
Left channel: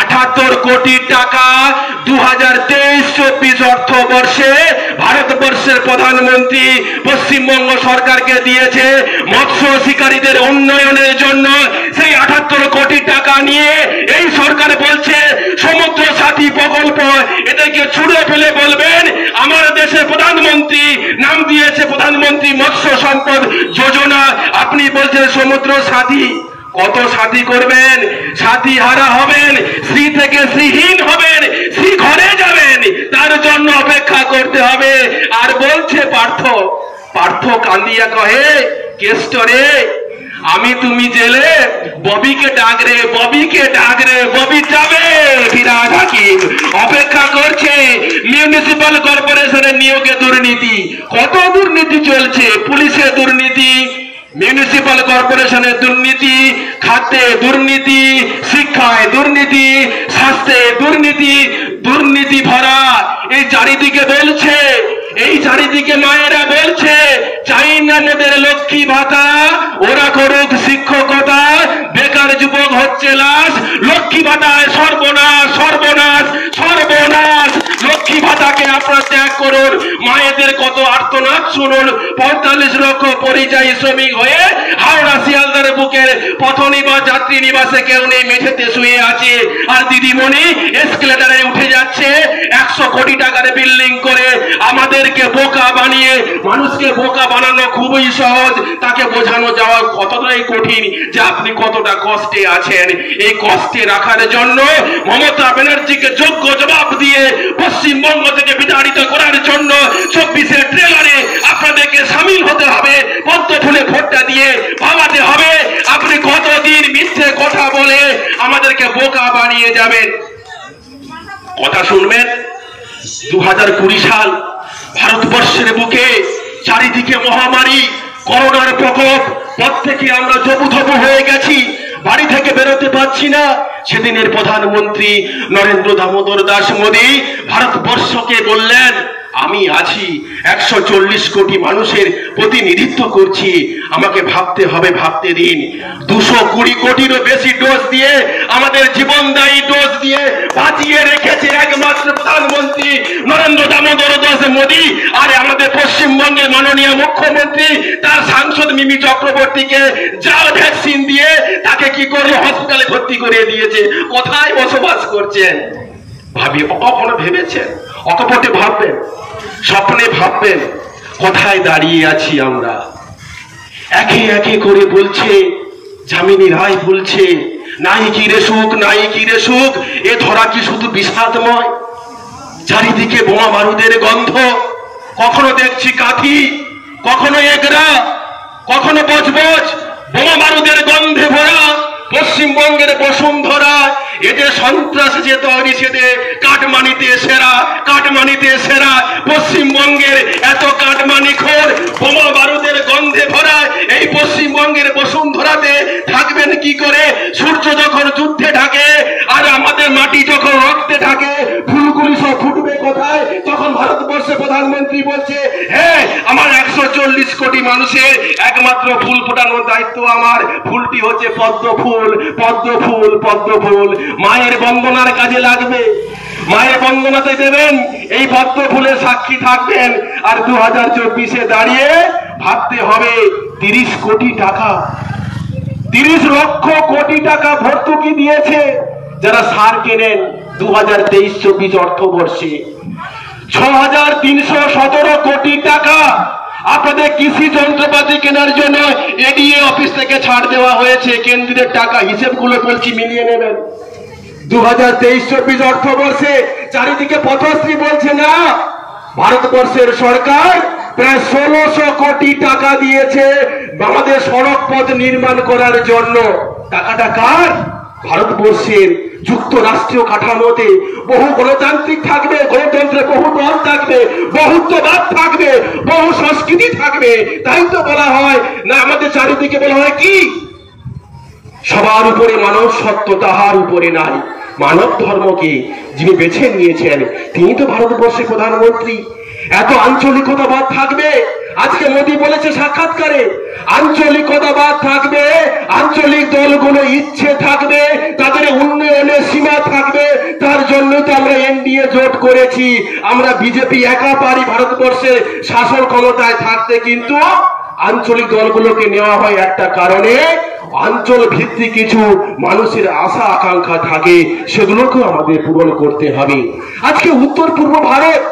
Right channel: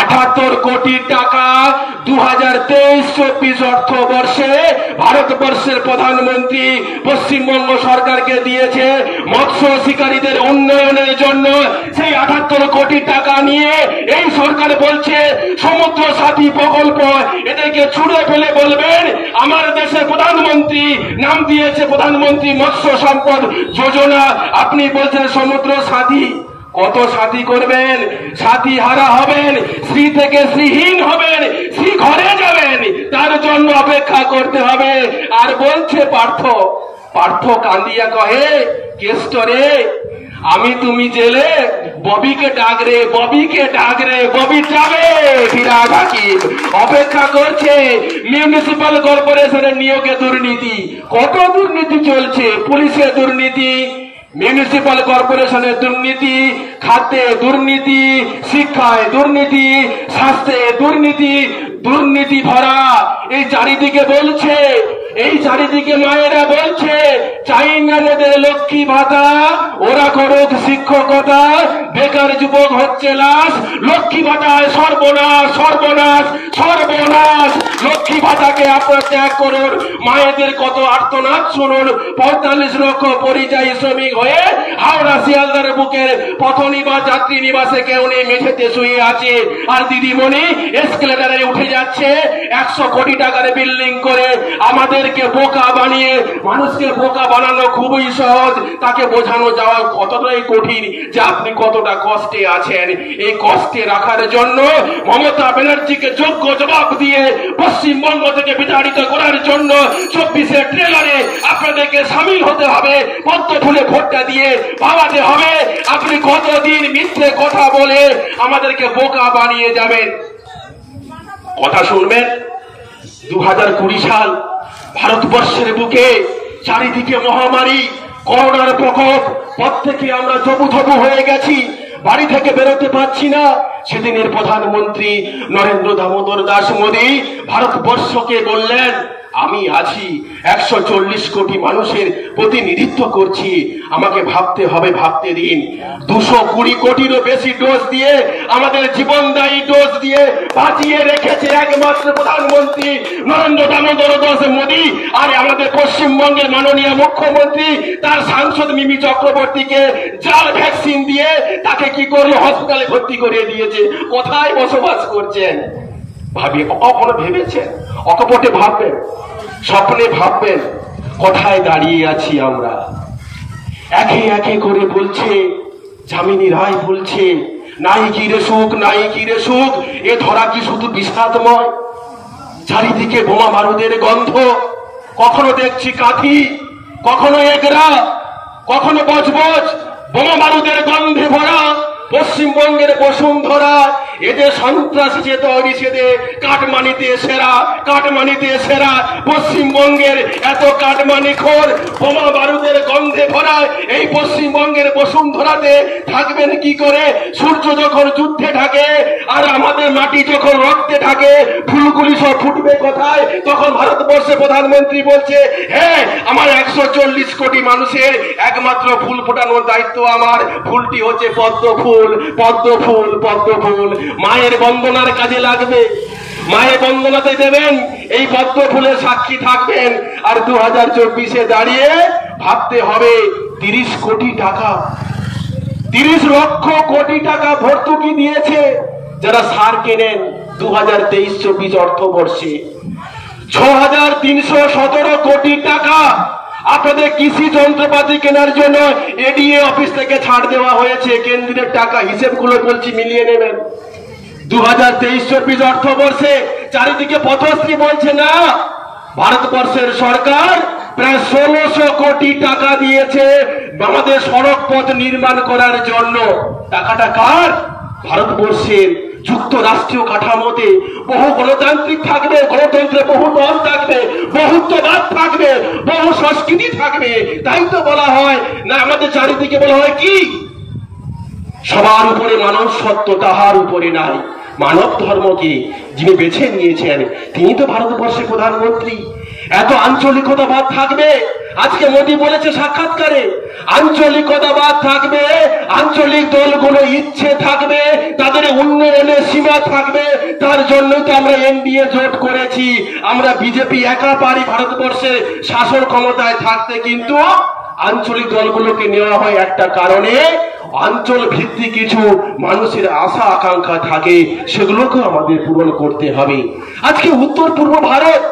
78 কোটি টাকা 2023-24 অর্থবর্ষে ভারতবর্ষের প্রধানমন্ত্রী পশ্চিমবঙ্গ সরকারকে দিয়েছে মৎস্য শিকারীদের উন্নয়নের জন্য। সেই 78 কোটি টাকা নিয়ে এই সরকার বলছে সমুদ্র সাথী প্রকল্প। এদেরকে ছুড়ে ফেলে বলবেন আমার দেশের প্রধানমন্ত্রী নাম দিয়েছে প্রধানমন্ত্রী মৎস্য সম্পদ যোজনা, আপনি বলছেন সমুদ্র সাথী। কত সাথী করবেন? সাথী হারা হবেন, শ্রী থেকে শ্রীহীন হবেন, শ্রী ঘরে যাবেন। তার জন্য অপেক্ষা করতে হবে। আর বলছে পার্থ কান্দিয়া কহে কেষ্টরে, আমি তুমি জেলে ববিকে ডাক রে, ববিকে ডাক রে, ববি যাবে। ফিরাদ হাকিম অপেক্ষা করছে। মিউনিসিপাল কর্পোরেশনের নিয়োগে দুর্নীতি, কত দুর্নীতি চলছে। পুলিশে দুর্নীতি, মিউনিসিপাল কর্পোরেশনের দুর্নীতি, খাদ্যে দুর্নীতি, শিক্ষায় দুর্নীতি, স্বাস্থ্যে দুর্নীতি, দুর্নীতি ভরা। এই চারিদিকে বলছে, এই চারিদিকে মায়েরা বলছে চাই না মোদের লক্ষ্মী ভাতা, ওরা করুক শিক্ষকতা। বেকার যুবক হচ্ছে লাশ, লক্ষ্মী ভাতায় সর্বনাশ সর্বনাশ সর্বনাশ। লক্ষ্মী ভাতাকে আপনারা ত্যাগ করুন। মায়েদের কত আর্তনাদ শুনুন। 45 লক্ষ পরিযায়ী শ্রমিক হয়ে হাওড়া শিয়ালদার বুকে বুকের পথনি বা যাত্রী নিবাসে কেউ নেই, মেঝেতে শুয়ে আছে, আর দিদিমণি এসকেলেটারে উঠে যাচ্ছে 100 কোটি টাকার বিল্ডিং করে। আমাদেরকে বোকা বানিয়ে, মানুষকে বোকা বানানো খুবই সহজ, তাকে বোঝানো যাওয়া কতটাই কঠিন যে আপনি কতটা কষ্টে আছেন। এই কষ্টে রাখার জন্য মমতা ব্যানার্জিকে যোগ্য জবাব দিয়ে পশ্চিমবঙ্গ থেকে বিতাড়িত করার জন্য 24-এর ট্রেলারে আপনাদেরকে সামিল হতে হবে, পদ্ম ফুলে ভোটটা দিয়ে ভাবাতে হবে আপনি কতদিন মিথ্যে কথা বলে আমাদেরকে বোকা বানিয়ে যাবেন। কথা শুনবেন, 2020 সাল ভারতবর্ষের বুকে চারিদিকে মহামারী, করোনার প্রকোপ, প্রত্যেকে আমরা জবুথবু হয়ে গেছি, বাড়ি থেকে বেরোতে পারছি না। সেদিনের প্রধানমন্ত্রী নরেন্দ্র দামোদর দাস মোদী ভারতবর্ষকে বললেন, আমি আছি, 140 কোটি মানুষের প্রতিনিধিত্ব করছি, আমাকে ভাবতে হবে, ভাবতে দিন। 220 কোটিরও বেশি ডোজ দিয়ে, আমাদের জীবনদায়ী ডোজ দিয়ে বাঁচিয়ে রেখেছে একমাত্র প্রধানমন্ত্রী নরেন্দ্র দামোদর দাস মোদী। আর আমাদের পশ্চিমবঙ্গের মাননীয় মুখ্যমন্ত্রী তার সাংসদ মিমি চক্রবর্তীকে জাল ভ্যাকসিন দিয়ে তাকে কি করলো, হসপিটালে ভর্তি করে দিয়েছে। কোথায় বসবাস করছেন? ভাবিয়ে কখনো ভেবেছেন? অকপটে ভাববেন, স্বপ্নে ভাববেন কোথায় দাঁড়িয়ে আছি আমরা। একে একে করে বলছে, যামিনী রায় বলছে, নাই কি রে সুখ, নাই কি রে সুখ, এ ধরা কি শুধু বিষাদময়। চারিদিকে বোমা বারুদের গন্ধ, কখনো দেখছি কাঠি, কখনো এগরা, কখনো বজবজ, বোমা বারুদের গন্ধে ভরা পশ্চিমবঙ্গের বসুন্ধরা। এদের সন্ত্রাস যে তৈরি, সেদে কাটমানিতে সেরা, কাটমানিতে সেরা। পশ্চিমবঙ্গের এত কাটমানি খোর, বোমা বারুদের গন্ধে ভরা এই পশ্চিমবঙ্গের বসুন্ধরাতে থাকবেন কি করে? সূর্য যখন যুদ্ধে ঢাকে আর আমাদের মাটি যখন রক্তে ঢাকে, ফুলগুলি সব ফুটবে কোথায়? তখন ভারতবর্ষের প্রধানমন্ত্রী বলছে, হ্যাঁ আমার 140 কোটি মানুষের একমাত্র ফুল ফোটানোর দায়িত্ব আমার। ফুলটি হচ্ছে পদ্ম ফুল, পদ্ম ফুল, পদ্ম ফুল। মায়ের বন্দনার কাজে লাগবে, মায়ের বন্দনাতে দেবেন, এই পদ্ম ফুলের সাক্ষী থাকবেন। আর 2024-এ দাঁড়িয়ে ভাবতে হবে 30 কোটি টাকা, 30 লক্ষ কোটি টাকা ভর্তুকি দিয়েছে যারা সার কেনেন 2023-24 অর্থবর্ষে। 6317 কোটি টাকা আপনাদের কৃষি যন্ত্রপাতি কেনার জন্য এডিএ অফিস থেকে ছাড় দেওয়া হয়েছে। কেন্দ্রের টাকা, হিসেবগুলো বলছি, মিলিয়ে নেবেন। 2023-24 অর্থবর্ষে চারিদিকে পথশ্রী বলছে না, ভারতবর্ষের সরকার প্রায় 1600 কোটি টাকা দিয়েছে আমাদের সড়ক পথ নির্মাণ করার জন্য। টাকাটা কার? ভারতবর্ষের যুক্তরাষ্ট্রীয় কাঠামোতে বহু গণতান্ত্রিক থাকবে, গণতন্ত্রে বহু দল থাকবে, বহুত্ববাদ থাকবে, বহু সংস্কৃতি থাকবে। তাই তো বলা হয় না, আমাদের চারিদিকে বলা হয় কি, সবার উপরে মানব সত্য, তাহার উপরে নাই। মানব ধর্মকে যিনি বেছে নিয়েছেন তিনি তো ভারতবর্ষের প্রধানমন্ত্রী। এত আঞ্চলিকতাবাদ থাকবে। আজকে মোদী বলেছে সাক্ষাৎকারে, আঞ্চলিকতাবাদ থাকবে, আঞ্চলিক দলগুলো ইচ্ছে থাকবে, তাদের উন্নয়নের সীমা থাকবে। তার জন্যই তো আমরা এনডিএ জোট করেছি। আমরা বিজেপি একা পারি ভারতবর্ষে শাসন ক্ষমতায় থাকতে, কিন্তু আঞ্চলিক দলগুলোকে নেওয়া হয় একটা কারণে, অঞ্চল ভিত্তিক কিছু মানুষের আশা আকাঙ্ক্ষা থাকে, সেগুলোকে আমাদের পূরণ করতে হবে। আজকে উত্তর পূর্ব ভারত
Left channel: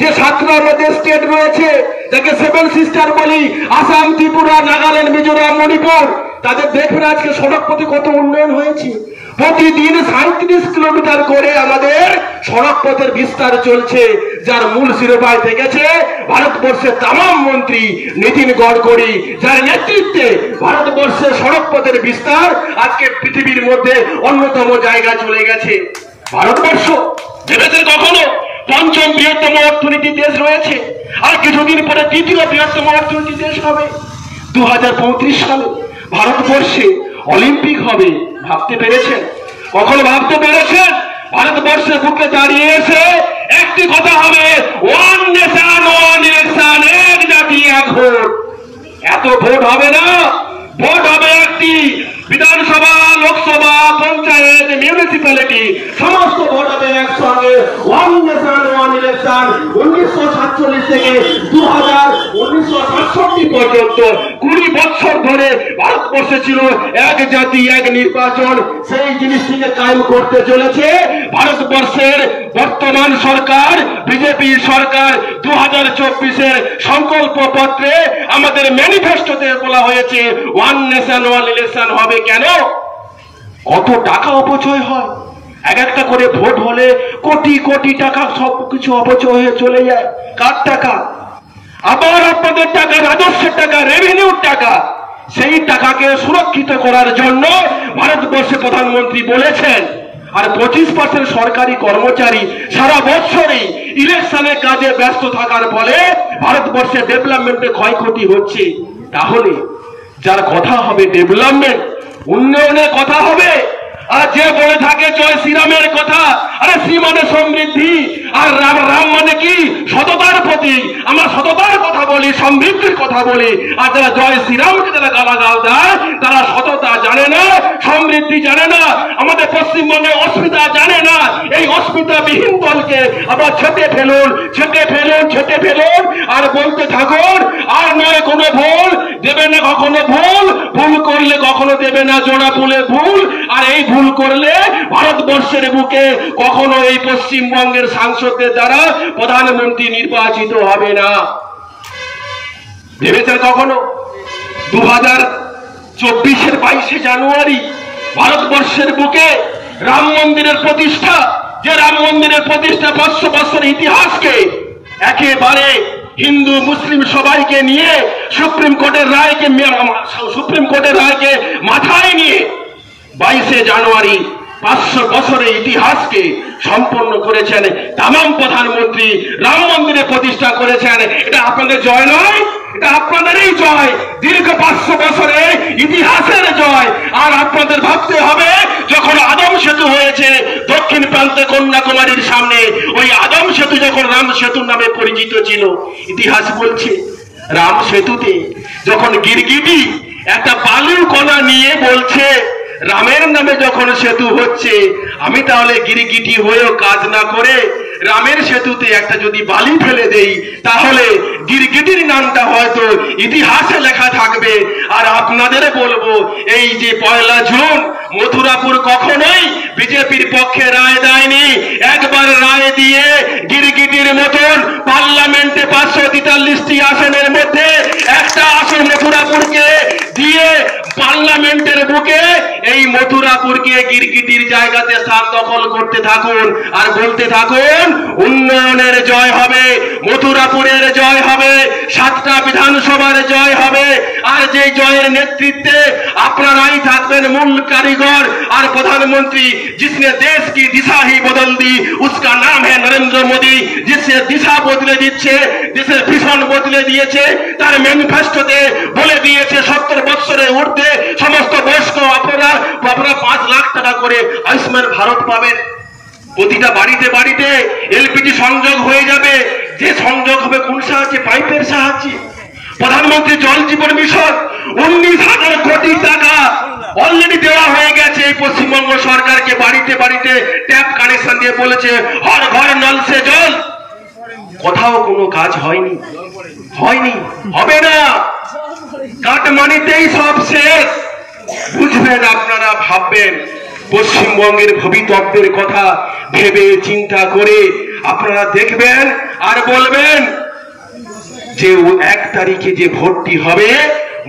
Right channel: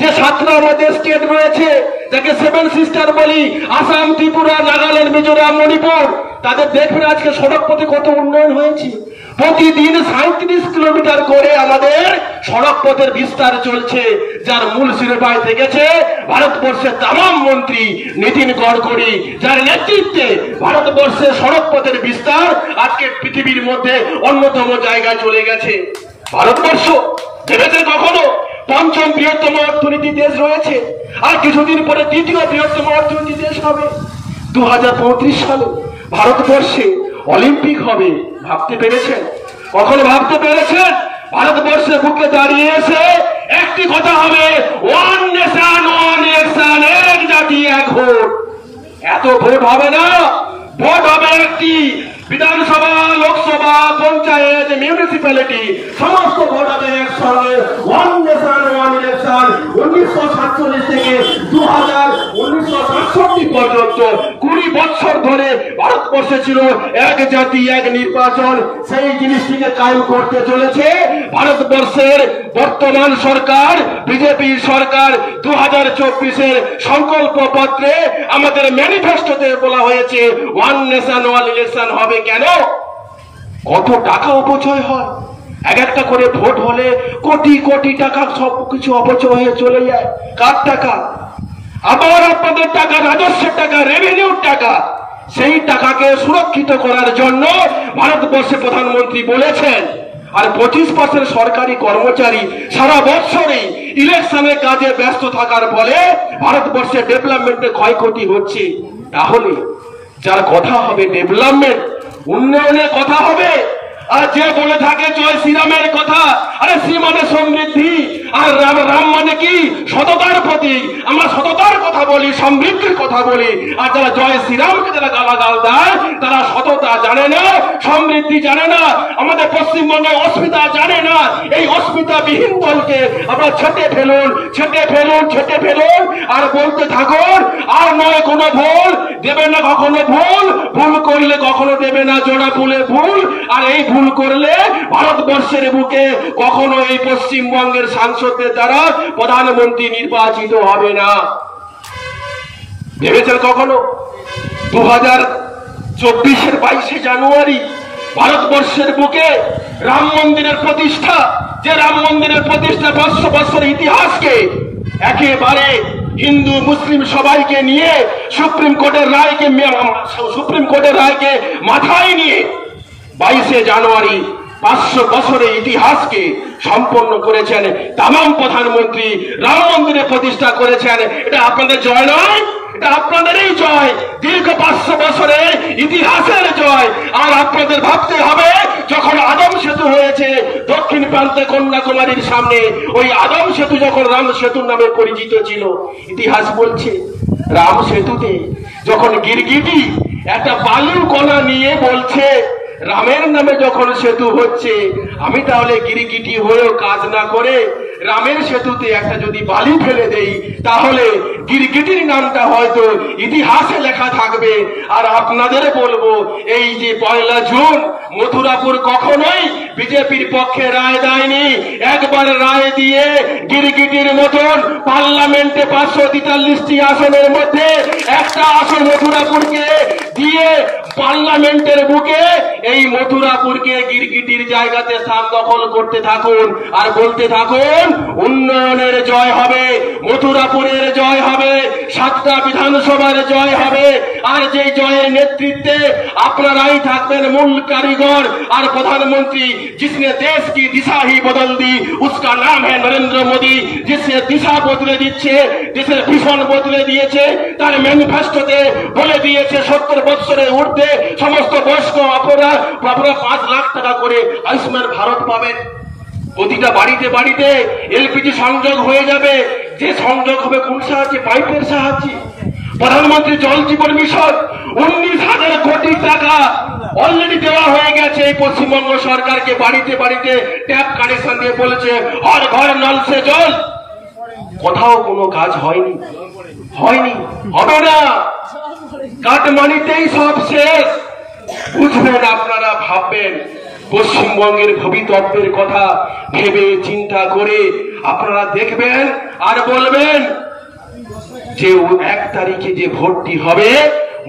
যে 7টা আমাদের স্টেট রয়েছে, যাকে 7 সিস্টার বলি, আসাম, ত্রিপুরা, নাগাল্যান্ড, মিজোরাম, মণিপুর, তাদের দেখবেন আজকে সড়ক পথে কত উন্নয়ন হয়েছে। প্রতিদিন 37 কিলোমিটার করে আমাদের সড়ক পথের বিস্তার চলছে, যার মূল শিরোপায় থেকেছে ভারতবর্ষের তামাম মন্ত্রী নীতিন গডকরি, যার নেতৃত্বে ভারতবর্ষের সড়ক পথের বিস্তার আজকে পৃথিবীর মধ্যে অন্যতম জায়গায় চলে গেছে। ভারতবর্ষ ভেবেছেন কখনো পঞ্চম বৃহত্তম অর্থনীতি দেশ রয়েছে, আর কিছুদিন পরে তৃতীয় বৃহত্তম অর্থনীতি দেশ হবে। 2035 সালে ভারতবর্ষে অলিম্পিক হবে। ভাবতে পেরেছেন? কখনো ভাবতে পেরেছেন? ভারতবর্ষের বুকে দাঁড়িয়ে এসে একটি কথা হবে, ওয়ান নেশন ওয়ান ইলেকশন, এক জাতি এক ভোট। এত ভোট হবে না, ভোট হবে একটি। বিধানসভা, লোকসভা, পৌরসভা, পঞ্চায়েত, মিউনিসিপ্যালিটি সমস্ত ভোট হবে একসঙ্গে। ওয়ান নেশন ওয়ান ইলেকশন 1947 থেকে 1967 পর্যন্ত 20 বছর ধরে ভারতবর্ষে ছিল এক জাতি এক নির্বাচন। সেই জিনিসটিকে কায়েম করতে চলেছে ভারতবর্ষের বর্তমান সরকার, বিজেপি সরকার। 2024-এর সংকল্প পত্রে আমাদের ম্যানিফেস্টোতে বলা হয়েছে ওয়ান নেশন ওয়ান ইলেকশন হবে। কেন? কত টাকা অপচয় হয়, এক একটা করে ভোট হলে কোটি কোটি টাকা সবকিছু অপচয় হয়ে চলে যায়। কার টাকা? আবার আপনাদের টাকা, রাজস্বের টাকা, রেভিনিউর টাকা। সেই টাকাকে সুরক্ষিত করার জন্য ভারতবর্ষে প্রধানমন্ত্রী বলেছেন। আর 25% সরকারি কর্মচারী সারা বছরই ইলেকশনের কাজে ব্যস্ত থাকার ফলে ভারতবর্ষে ডেভেলপমেন্টে ক্ষয়ক্ষতি হচ্ছে। তাহলে যার কথা হবে ডেভেলপমেন্ট, উন্নয়নের কথা হবে, আর যে বলে থাকে জয় শ্রীরামের কথা, আরে শ্রী মানে সমৃদ্ধি, আর রাম মানে কি? সততার প্রতীক। আমরা সততার কথা বলি, সমৃদ্ধির কথা বলি। আর যারা জয় শ্রীরামকে যারা গালাগাল দেয় তারা সততা জানে না, সমৃদ্ধি জানে না, আমাদের পশ্চিমবঙ্গের অস্মিতা জানে না। এই অস্মিতা বিহীন দলকে আবার ছেটে ফেলুন, ছেটে ফেলুন, ছেটে ফেলুন, আর বলতে থাকুন আর নয় কোনো ভুল দেবে না, কখনো ভুল করলে কখনো দেবে না জোড়া ফুলের ভুল। আর এই ভুল করলে ভারতবর্ষের বুকে কখনো এই পশ্চিমবঙ্গের সাংসদদের দ্বারা প্রধানমন্ত্রী নির্বাচিত হবে না। ভেবেছেন কখনো? 2024-এর 22শে জানুয়ারি ভারতবর্ষের বুকে রাম মন্দিরের প্রতিষ্ঠা, যে রাম মন্দিরের প্রতিষ্ঠা 500 বছরের ইতিহাসকে একেবারে হিন্দু মুসলিম সবাইকে নিয়ে সুপ্রিম কোর্টের রায়কে মাথায় নিয়ে 22শে জানুয়ারি 500 বছরের ইতিহাসকে সম্পন্ন করেছেন। তামাম প্রধানমন্ত্রী রাম মন্দিরে প্রতিষ্ঠা করেছেন। এটা আপনাদের জয় নয়, এটা আপনাদেরই জয়, দীর্ঘ 500 বছরের ইতিহাসের জয়। আর আপনাদের ভাবতে হবে যখন আদম সেতু হয়েছে দক্ষিণ প্রান্তে কন্যাকুমারীর সামনে, ওই আদম সেতু যখন রাম সেতুর নামে পরিচিত ছিল, ইতিহাস বলছে রাম সেতুতে যখন গিরগিটি একটা বালুর কণা নিয়ে বলছে রামের নামে যখন সেতু হচ্ছে, আমি তাহলে গিরগিটি হয়েও কাজ না করে রামের সেতুতে একটা যদি বালি ফেলে দেই তাহলে গিরগিটির নামটা হয়তো ইতিহাসে লেখা থাকবে। আর আপনাদের বলবো এই যে 1 জুন মথুরাপুর কখনোই বিজেপির পক্ষে রায় দেয়নি। একবার রায় দিয়ে গিরগিটির মতন পার্লামেন্টে 543টি আসনের মধ্যে একটা আসন মথুরাপুরকে দিয়ে পার্লামেন্টের বুকে এই মথুরাপুরকে গিরগিটির জায়গাতে স্থান দখল করতে থাকুন আর বলতে থাকুন উন্নয়নের জয় হবে, মথুরাপুরের জয় হবে, 7টা বিধানসভার জয় হবে। আর যে জয়ের নেতৃত্বে আপনারাই থাকবেন মূল কারিগর। আর প্রধানমন্ত্রী जिसने देश की दिशा ही बदल दी उसका नाम है नरेंद्र मोदी। जिससे दिशा बदले দিচ্ছে, দেশের ভিশন বদলে দিয়েছে। তার ম্যানিফেস্টোতে বলে দিয়েছে 70 বছরের ঊর্ধ্বে সমস্ত বয়স্ক আপনারা 5 লাখ টাকা করে আয়ুষ্মান ভারত পাবেন। প্রতিটা বাড়িতে বাড়িতে এলপিজি সংযোগ হয়ে যাবে। যে সংযোগ হবে কোন সাহায্যে? পাইপের সাহায্যে। প্রধানমন্ত্রী জল জীবন মিশন 19,000 কোটি টাকা অলরেডি দেওয়া হয়ে গেছে এই পশ্চিমবঙ্গ সরকারকে। বাড়িতে বাড়িতে ট্যাপ কানেকশন দিয়ে বলেছে হর ঘর নল সে জল। কোথাও কোনো কাজ হয়নি, হবে না। কাটমানিতেই সব শেষ। বুঝবেন আপনারা, ভাববেন পশ্চিমবঙ্গের ভবিতব্যের কথা ভেবে চিন্তা করে আপনারা দেখবেন আর বলবেন যে 1 তারিখে যে ভোটটি হবে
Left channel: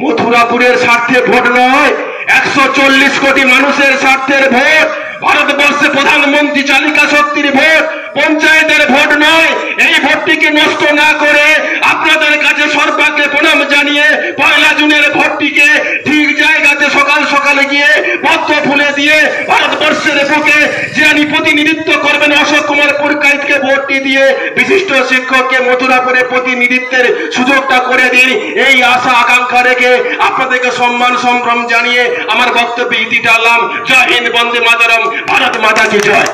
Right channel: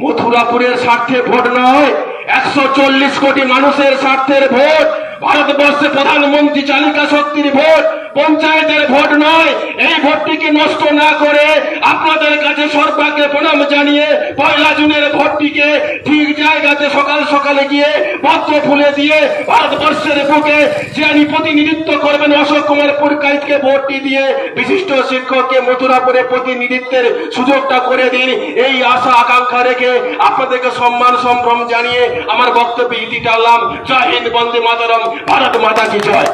মথুরাপুরের স্বার্থে ভোট নয়, 140 কোটি মানুষের স্বার্থের ভোট। ভারতবর্ষে প্রধানমন্ত্রী চালিকা শক্তির ভোট, পঞ্চায়েতের ভোট নয়। এই ভোটটিকে নষ্ট না করে আপনাদের কাছে সর্বাগ্রে প্রণাম জানিয়ে 1 জুনের ভোটটিকে ঠিক জায়গাতে সকাল সকালে গিয়ে পত্র ফুলে দিয়ে ভারতবর্ষের বুকে যিনি প্রতিনিধিত্ব করবেন অশোক কুমার পুরকাইতকে ভোটটি দিয়ে বিশিষ্ট শিক্ষককে মথুরাপুরে প্রতিনিধিত্বের সুযোগটা করে দিন। এই আশা আকাঙ্ক্ষা রেখে আপনাদেরকে সম্মান সম্ভ্রম জানিয়ে আমার বক্তব্য ইতি টানলাম। জয় হিন্দ, বন্দে মাতরম, ভারত মাতা কি জয়।